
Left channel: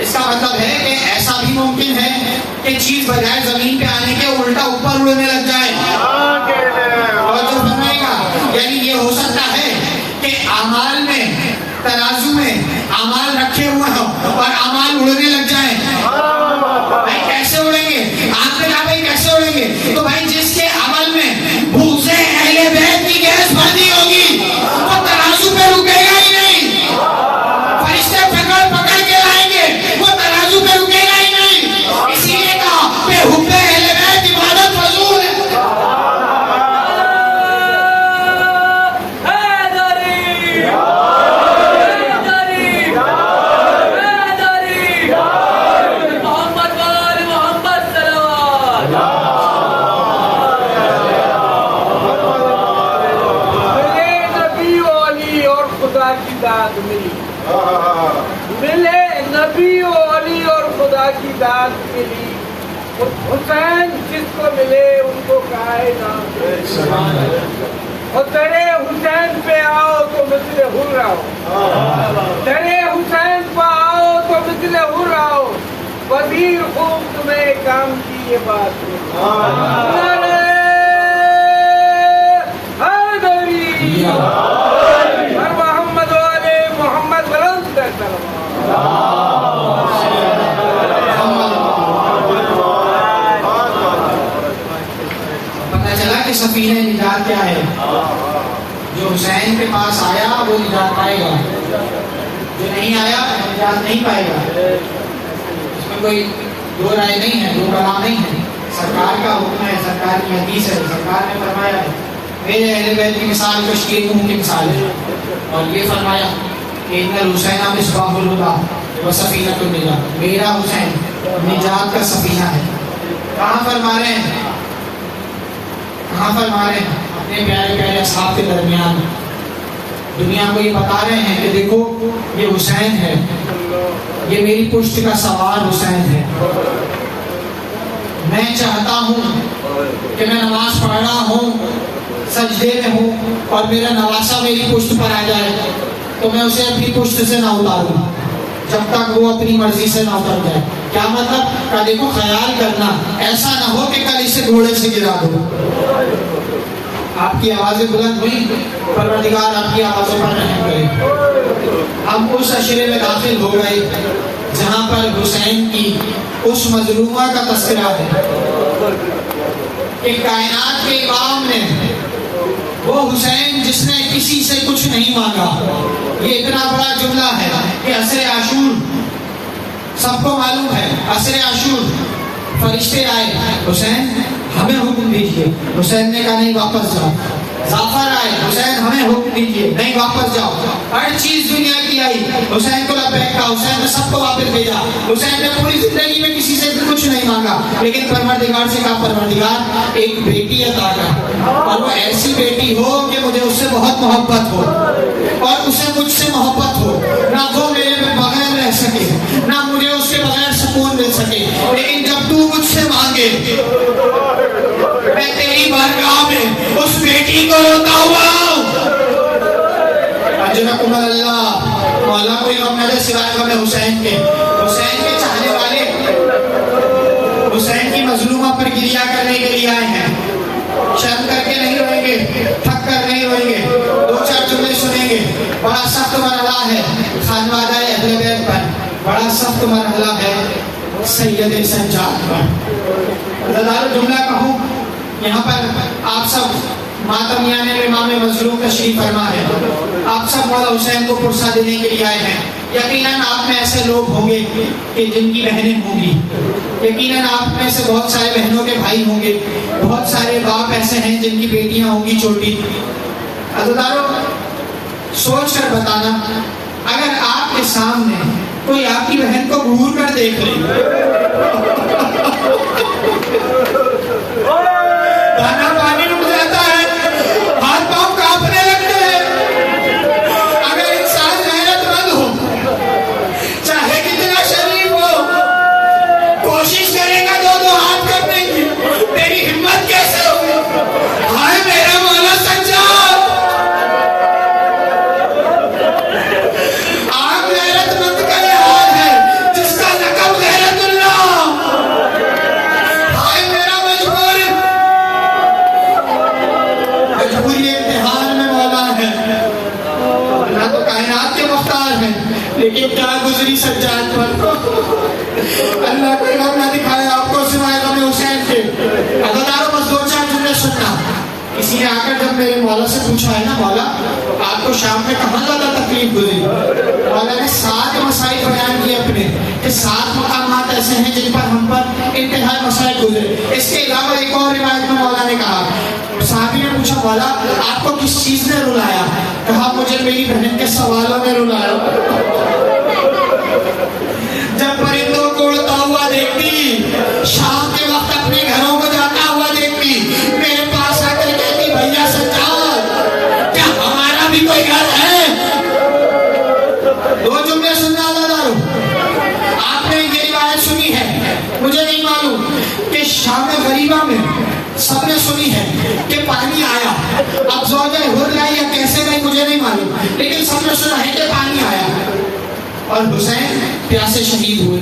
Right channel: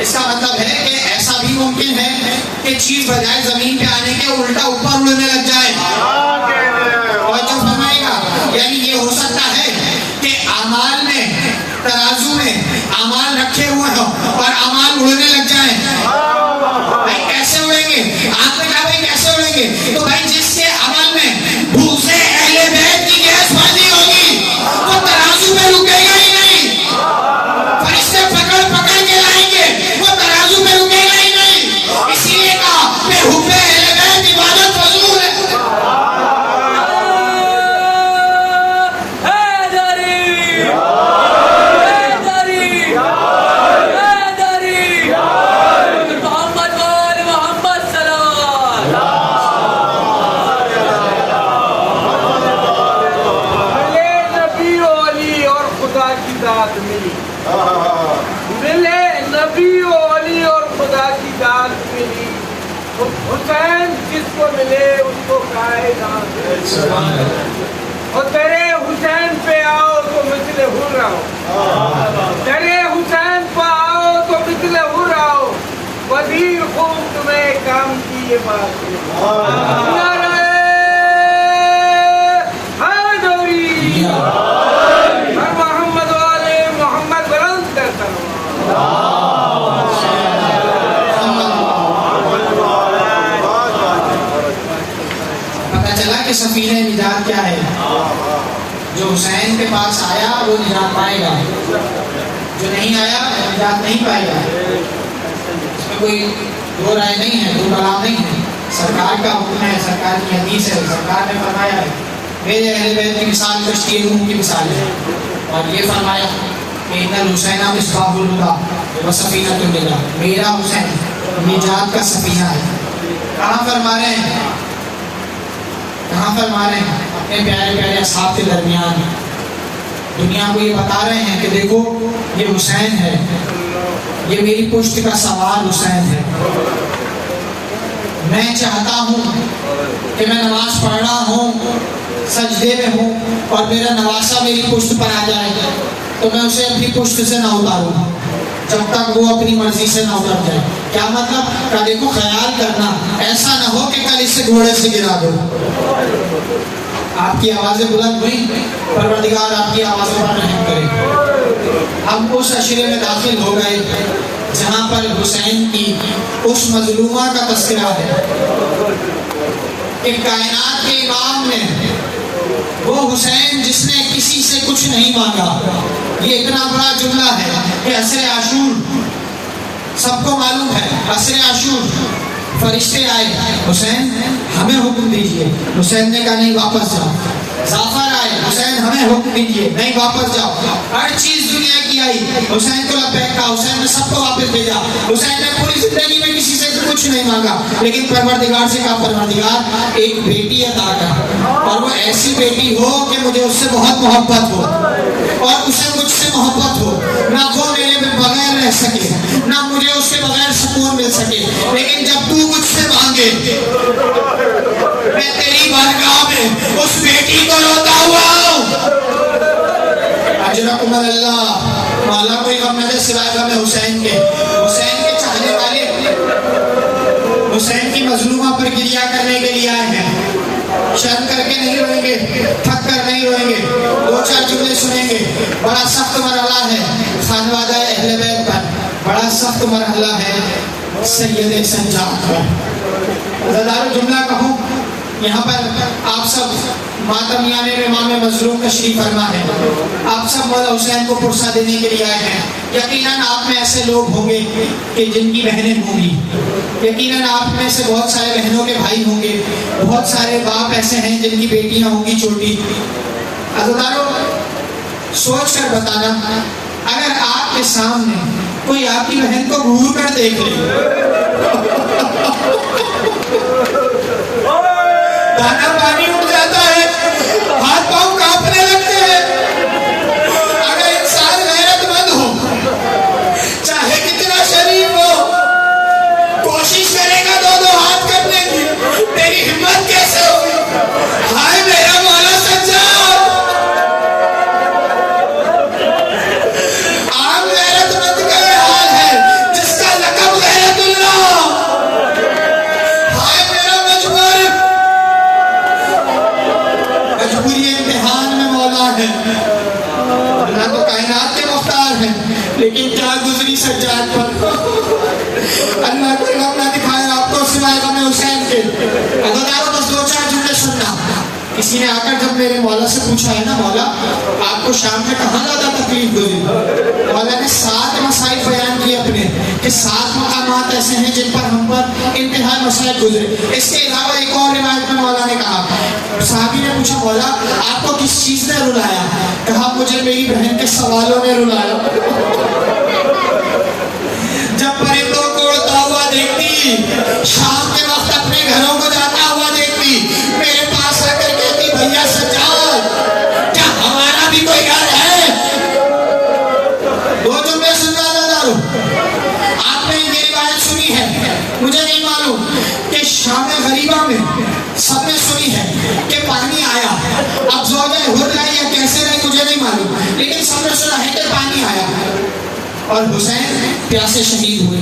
اس کا مطلب ہے کہ ایسا بھی ممکن ہے کہ چیز بجائے زمین پہ آنے کے الٹا اوپر اڑنے لگ جائے. اور جو فرمائے گا یعنی یہ ہو سکتا ہے کہ اعمال میں ترازو میں اعمال رکھے ہوئے ہوں اور اعمال اڑنے لگ جائیں. بھائی کیسے اڑیں گے, آپ نے کہا بھائی کیسے اڑیں گے, تو بھائی جس کے عمل میں بھوسے اہل بیت کی گیس بھری ہوگی وہ ترازو پہ رکے گا ہی نہیں. فرشتے پکڑ پکڑ کے لائیں گے, وہ ترازو پہ رکے گا ہی نہیں. اسی لیے کہا بے حبے اہل بیت عبادت فضول ہے. ملے نبی و علی اور خدا کی داد ملی, حسین جس کو ملے ان کو کائنات. اور تیرے حسین پہ آؤ تو مثل حر آؤ, تیرے حسین پہ آؤ تو مثل حر آؤ. وزیر خوب تمہیں کام کی یہ بات پتہ چلا کہ سفینہ نجات کیا ہے. جو حسین کے پاس آیا وہ نجات پائے گا, جو نہیں آیا نجات نہیں پائے گا. اس میں کوئی دو رائے نہیں ہے, دو کلام نہیں ہے. سرکار کا حکم ہے, سرکار کی حدیث ہے, سرکار نے فرمایا ہے. میرے اہل بیت کی مثال کشتی روم کی مثال ہے, اور یہ فرمایا کہ ان الحسین مصباح الہدی و سفینۃ النجات. میرا حسین نجات کا سفینہ ہے. کہاں فرما رہے ہیں؟ کہاں فرما رہے ہیں؟ اپنے پیارے پیارے اصحاب کے درمیان دنیا کو یہ بتا رہے ہیں کہ دیکھو یہ حسین ہے, یہ میری پشت کا سوار حسین ہے. میں چاہتا ہوں کہ میں نماز پڑھ رہا ہوں, سجدے میں ہوں, اور میرا نواسا میری پشت پر آ جائے تو میں اسے اپنی پشت سے نہ اتاروں جب تک وہ اپنی مرضی سے نہ اتر جائے. کیا مطلب؟ کہ دیکھو خیال کرنا ایسا نہ ہو کہ کل اسے گھوڑے سے گرا دو. آپ کی آوازیں بلند ہوئی, پروردگار آپ کی آوازوں پر رحم کرے. ہم اس عشرے میں داخل ہو گئے جہاں پر حسین کی اس مظلومہ کا تذکرہ ہے کہ کائنات کے امام نے, وہ حسین جس نے کسی سے کچھ نہیں مانگا. یہ اتنا بڑا جملہ ہے کہ عصر عاشور سب کو معلوم ہے. عصر عاشور فرشتے آئے, حسین ہمیں حکم دیجئے. حسین نے کہا نہیں واپس جاؤ. جعفر آئے, حسین ہمیں حکم دیجئے, نہیں واپس جاؤ. ہر چیز دنیا کی آئی, حسین کو لبیک کہا, حسین نے سب کو واپس بھیجا. حسین نے پوری زندگی میں کسی سے کچھ نہیں مانگا, لیکن پروردگار سے کہا پروردگار ایک بیٹی عطا کر, اور وہ ایسی بیٹی ہو کہ مجھے اس سے بہت محبت ہو اور اسے مجھ سے محبت ہو. نہ وہ میرے بغیر رہ سکے, نہ مجھے اس کے بغیر سکون مل سکے, لیکن جب تو مجھ سے مانگے میں تیری بارگاہ میں اس بیٹی کو روتا ہوا ہوں. اجرکم اللہ. مولا کوئی غم نہ دے سوائے غم حسین کے. حسین کے چاہنے والے حسین کی مظلومہ پر گریہ کرنے کے لیے آئے ہیں. شرم کر کے نہیں روئیں گے, تھک کر نہیں روئیں گے, دو چار جملے سنیں گے. بڑا سخت مرحلہ ہے خانوادہ اہل بیت پر, بڑا سخت مرحلہ ہے سید سجاد پر. زدار جملہ کہوں, یہاں پر آپ سب ماتمیان امام مظلوم تشریف فرما ہے. آپ سب مولا حسین کو پرسہ دینے کے لیے آئے ہیں. یقیناً آپ میں ایسے لوگ ہوں گے کہ جن کی بہنیں ہوں گی, یقیناً آپ میں سے بہت سارے بہنوں کے بھائی ہوں گے, بہت سارے باپ ایسے ہیں جن کی بیٹیاں ہوں گی چھوٹی. عزیزانو, سوچ کر بتانا, اگر آپ کے سامنے کوئی آپ کی بہن کو گھور کر دیکھ لے, دانا پانی اٹھ جاتا ہے, ہاتھ پاؤں کانپنے لگتے ہیں. اگر انسان غیرت مند ہو, چاہے کتنا شریف ہو, کوشش کرے گا دو دو ہاتھ کرنے کی, تیری ہمت کیسے ہوگی؟ ہائے میرا مولا سجاد. عام غیرت مند کا یہ حال ہے جس کا لقب غیرت اللہ. ہائے میرا مجبوری امتحان میں مولا ہے. اللہ تو کائنات کے مختار ہیں, لیکن کیا گزری سجاد پر. اللہ کوئی غم نہ دکھائے آپ کو سوائے غم حسین کے. عزیزانو, بس دو چار جملے سننا. کسی نے آ کر جب میرے مولا سے پوچھا ہے نا, مولا آپ کو شام میں کہاں زیادہ تکلیف ہوئی, مولا نے 7 مسائل بیان کیے اپنے, کہ 7 مقامات ایسے ہیں جن پر ہم پر انتہائی مسائل گزرے. اس کے علاوہ ایک اور روایت میں مولا نے کہا, صحابی نے پوچھا مولا آپ کو کس چیز نے رلایا؟ کہا مجھے میری بہن کے سوالوں نے رلایا. جب پرندوں کو اڑتا ہوا دیکھتی, شام کے وقت اپنے گھروں کو جاتا ہوا دیکھتی, میرے پاس آ کر کہتی بھیا سجاد کیا ہمارا بھی کوئی گھر ہے؟ دو جملے سننا دارو. آپ نے یہ روایت سنی ہے, مجھے نہیں معلوم کہ شام غریبہ میں سب نے سنی ہے کہ پانی آیا. اب زوجہ ہو جائے یا کیسے نہیں مجھے نہیں معلوم, لیکن سب نے سنا ہے کہ پانی آیا اور حسین پیاسے شہید ہوئے.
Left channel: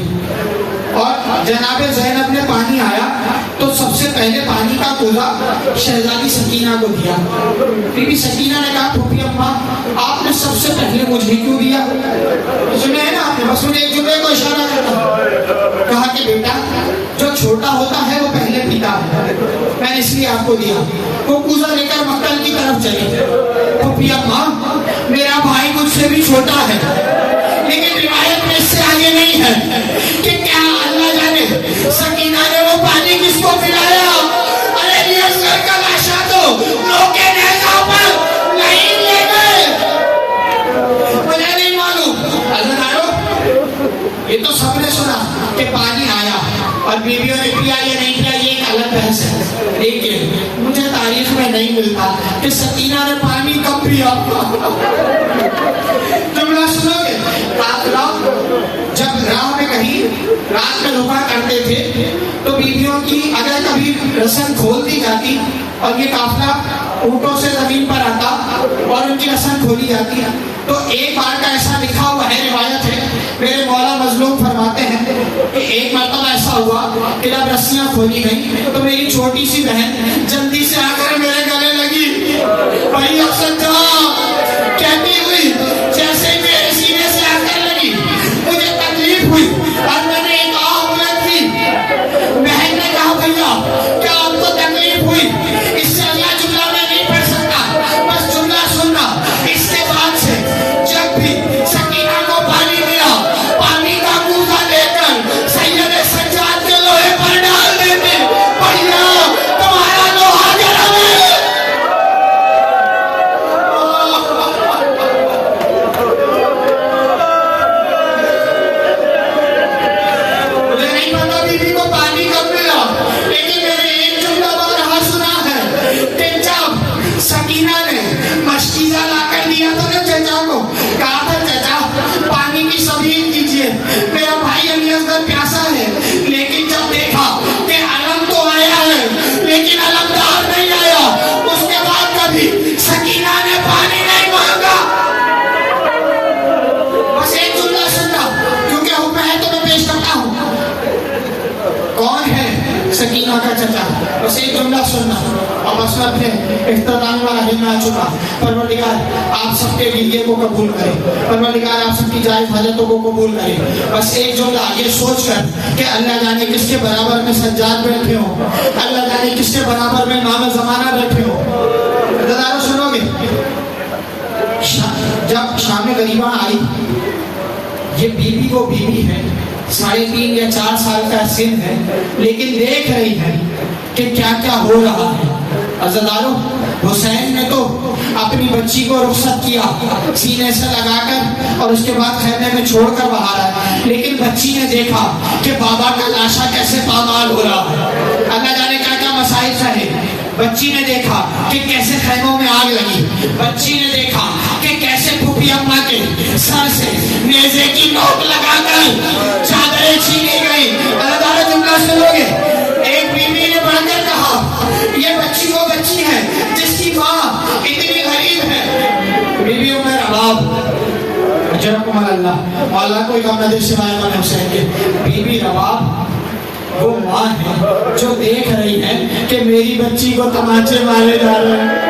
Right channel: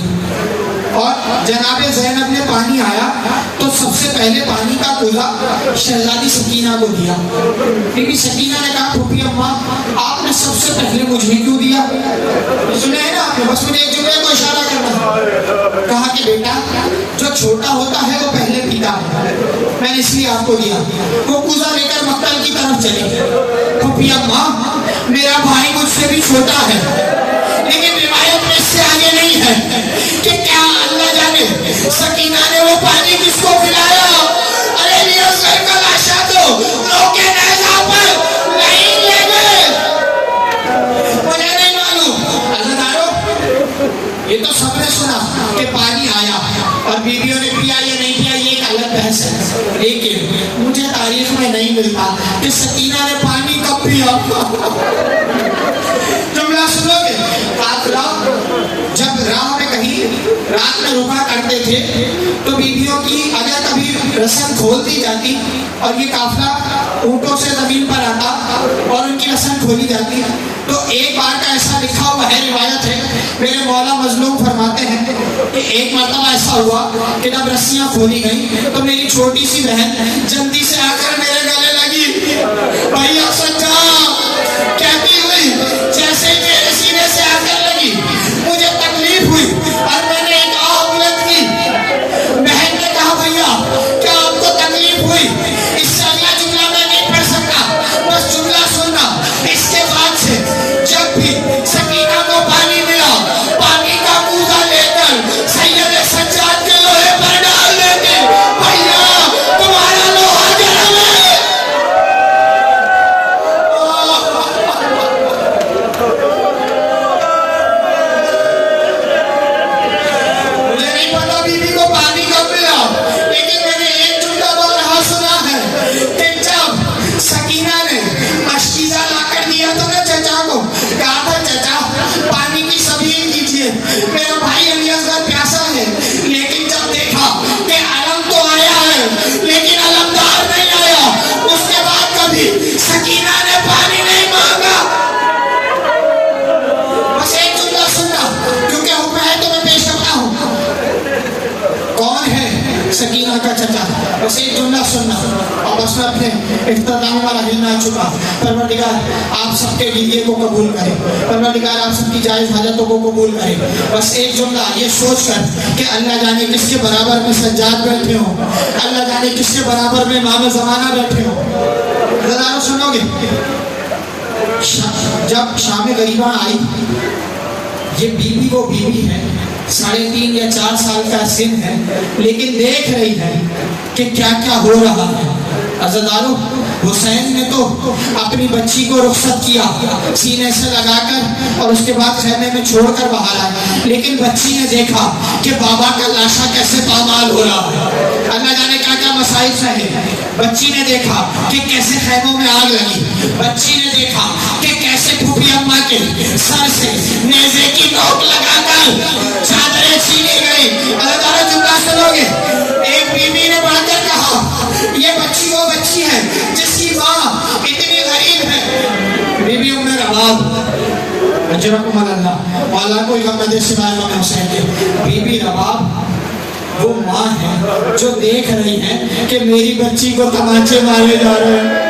اور جناب زینب نے پانی آیا تو سب سے پہلے پانی کا کوزہ شہزادی سکینہ کو دیا. بی بی سکینہ نے کہا پھوپھی اماں آپ نے سب سے پہلے مجھے کیوں دیا؟ سنے ہیں نا آپ نے, بس مجھے ایک جملے کو اشارہ کرنا. کہا کہ بیٹا جو چھوٹا ہوتا ہے وہ پہلے پیتا ہے, میں نے اس لیے آپ کو دیا. وہ کوزہ لے کر مقتل کی طرف چلے. پھوپھی اماں میرا بھائی مجھ سے بھی چھوٹا ہے, لیکن روایت میں اس سے آگے نہیں ہے کہ کیا اللہ جانے سکینہ نے وہ پانی کس کو پلایا. ارے یہ سر کا لاشا تو لوگ کے نیزہ پر لائن لگے, مجھے نہیں معلوم. عزیزانو, یہ تو سب نے سنا کہ پانی آیا, اور بیویوں نے پیا یا نہیں پیا یہ ایک الگ بحث ہے، لیکن مجھے تاریخ میں نہیں ملتا کہ سکینہ نے پانی کب پیا۔ جملہ سنو گے، قافلہ جب راہ میں کہیں رات میں رکا کرتے تھے تو بیویوں کی اگر کبھی رسن کھول دی جاتی اور یہ قافلہ اونٹوں سے زمین پر آتا اور ان کی رسن کھولی جاتی، تو ایک بار کا ایسا لکھا ہوا ہے، روایت ہے، میرے مولا مظلوم فرماتے ہیں کہ ایک مرتبہ ایسا ہوا کہ جب رسیاں کھولی گئیں تو میری چھوٹی سی بہن جلدی سے آ کر میرے گلے لگی، بھیا سجا کہتی ہوئی جیسے ہی میرے سینے سے آ کر لگی مجھے تکلیف ہوئی اور میں نے ایک آہ بلند کی۔ بہن نے کہا بھیا کیا آپ کو تکلیف ہوئی؟ اس سے اگلا جملہ میں نہیں پڑھ سکتا، بس جملہ سننا۔ اس کے بعد سے جب بھی سکینہ کو پانی ملا، پانی کا کوزہ لے کر سید سجاد کے لوہے پر ڈال دیتے، بھیا تمہارا لوہا گرم ہے۔ مجھے نہیں پتا بیوی کو پانی کب ملا، لیکن میں نے ایک جملہ بہت رہا سنا ہے کہ جب سکینہ نے مشکیزہ لا کر دیا تو نے چچا کو کہا تھا چچا پانی کی سبیل کیجئے، میرا بھائی علی اصغر پیاسا ہے، لیکن جب دیکھا کہ علم تو آیا ہے لیکن علمدار نہیں آیا، اس کے بعد کبھی سکینہ نے پانی نہیں مانگا۔ بس ایک جملہ سننا کیونکہ حکم ہے تو میں پیش کرتا ہوں، کون ہے سکینہ کا چچا؟ بس ایک جملہ سننا اور بس میں اپنے اختتام والا دن آ چکا۔ پروردگار آپ سب کے گریے کو قبول کرے، پروردگار آپ سب کی جائز حاجتوں کو قبول کرے۔ بس ایک جملہ یہ سوچ کر کہ اللہ جانے کس کے برابر میں سجاد بیٹھے ہوں، اللہ جانے کس کے برابر میں امام زمانہ بیٹھے ہوں۔ ہزاروں سنو گے، جب شام غریبہ آئی، یہ بیوی وہ بیوی ہے، 3.5 یا 4 سال کا سن ہے، لیکن دیکھ رہی ہے کہ کیا کیا ہو رہا ہے۔ عزیزانو، حسین نے تو اپنی بچی کو رخصت کیا سینے سے لگا کر اور اس کے بعد خیمے میں چھوڑ کر باہر آیا، لیکن بچی نے دیکھا کہ بابا کا لاشا کیسے پامال ہو رہا ہے، اللہ جانے کیا کیا مسائل رہے۔ بچی نے دیکھا کہ کیسے خیموں میں آگ لگی، بچی نے دیکھا کہ کیسے پھوپھی اماں کے سر سے نیزے کی نوک لگا کر چادریں چھینی گئی۔ اللہ تعالیٰ جملہ سنو گے، ایک بیوی نے بڑھ کر کہا یہ بچی وہ بچی ہے جس کی ماں اتنی غریب ہے۔ بیوی ام رباب اجرکم اللہ، مولا کوئی غم نہ دے سوائے امام حسین کے۔ بیوی رباب وہ ماں ہے جو دیکھ رہی ہے کہ میری بچی کو تماچے مارے جا رہے ہیں۔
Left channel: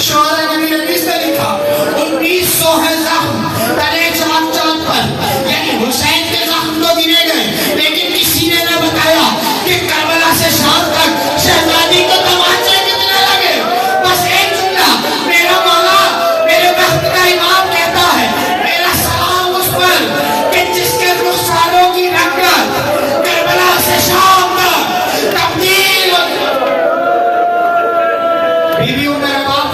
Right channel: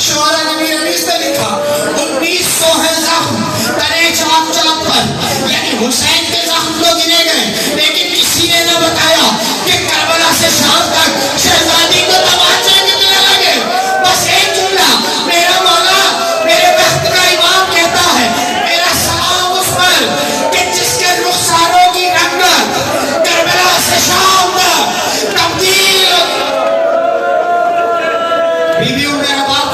شعراء نبی حدیث نے لکھا 1900 ہے زخم تنے چاک چاک پر، یعنی حسین کے زخم تو گنے گئے لیکن کسی نے نہ بتایا کہ کربلا سے شام تک شہزادی کو تماچے کتنے لگے۔ بس ایک جملہ، میرا مولا میرے وقت کا امام کہتا ہے میرا سلام اس پر کہ جس کے رخساروں کی رنگت کربلا سے شام تک تبدیل۔ بیویوں میرا باپ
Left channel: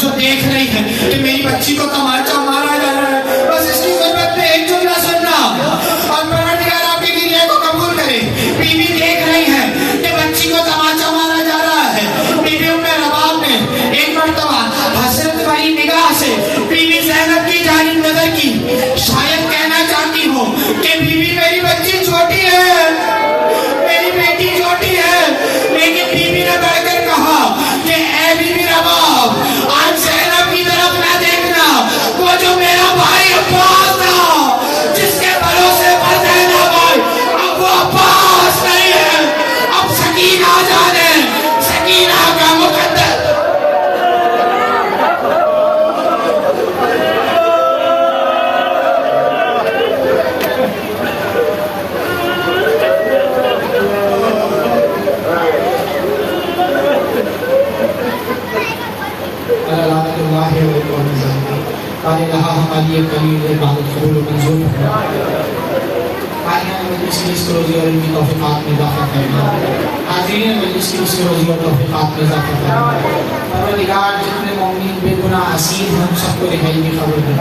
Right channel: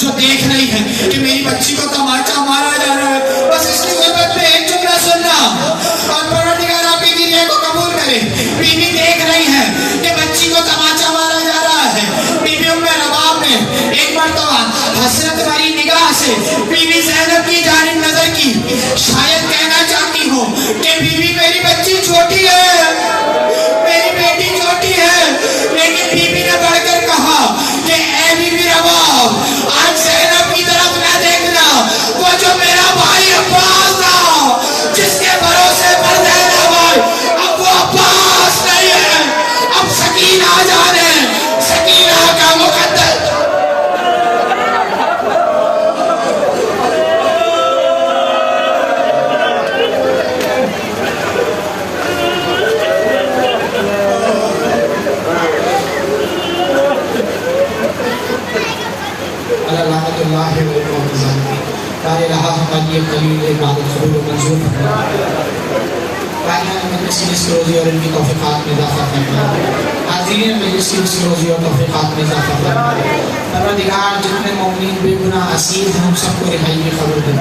جو دیکھ رہی ہے کہ میری بچی کو تماچا مارا جا رہا ہے، بس اس کی غربت میں ایک جملہ سننا اور پروردگار آپ کے گریے کو قبول کرے۔ بیوی دیکھ رہی ہے کہ بچی کو تماچا مارا جا رہا ہے۔ بیوی ام رباب نے ایک مرتبہ حسرت والی نگاہ سے بیوی زینب کی جانب نظر کی، شاید کہنا چاہتی ہوں کہ بیوی میری بچی چھوٹی ہے، میری بیٹی چھوٹی ہے، لیکن بیوی نے بڑھ کر کہا کہ اے بیوی رباب آج زینب کی طرف نہ دیکھنا، وہ جو میرا بھائی عباس تھا جس کے بھروسے پر زینب آئی، اب وہ عباس نہیں ہے۔ کی رزق روزی اور ان کی توفیقات میں اضافہ فرما، حاضرین مجلس کی رزق روزی اور توفیقات میں اضافہ فرما۔ پروردگار جتنے مومنین بے گناہ اسیر ہیں ان سب کو رہائی میں خبر دے۔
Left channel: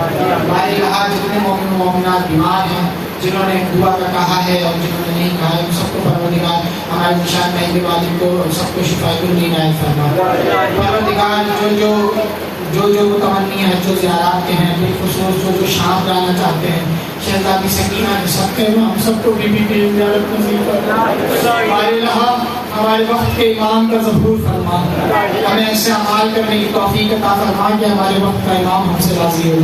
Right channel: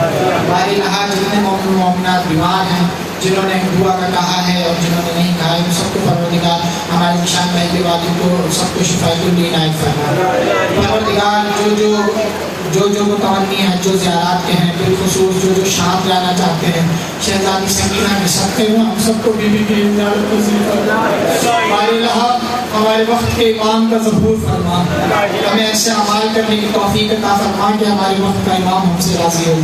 باری رہا جتنے مومن مومنات بیمار ہیں، جنہوں نے دعا کا کہا ہے اور جنہوں نے نہیں کہا ہے، ان سب کو پروردگار ہمارے نشان مہنگے وادی کو سب کو شفاء کل عنایت فرما۔ پروردگار جو متمنی ہیں، جو زیارات کے ہیں، بالخصوص جو شام جانا چاہتے ہیں، شہزادی سکینہ کے سب کے ہم سب کو بی بی کی زیارت نصیب فرما۔ باری رہا ہمارے وقت کے امام کا ظہور فرما، ہمیں ایسے اعمال کرنے کی توفیق عطا فرما کہ ہمارے وقت کا امام ہم سے راضی ہو۔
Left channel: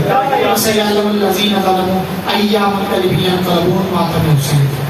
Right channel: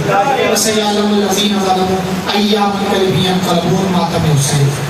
وَسَيَعْلَمُ الَّذِينَ ظَلَمُوا أَيَّ مُنقَلِبٍ يَنقَلِبُونَ مَا كَانُوا يَفْعَلُونَ۔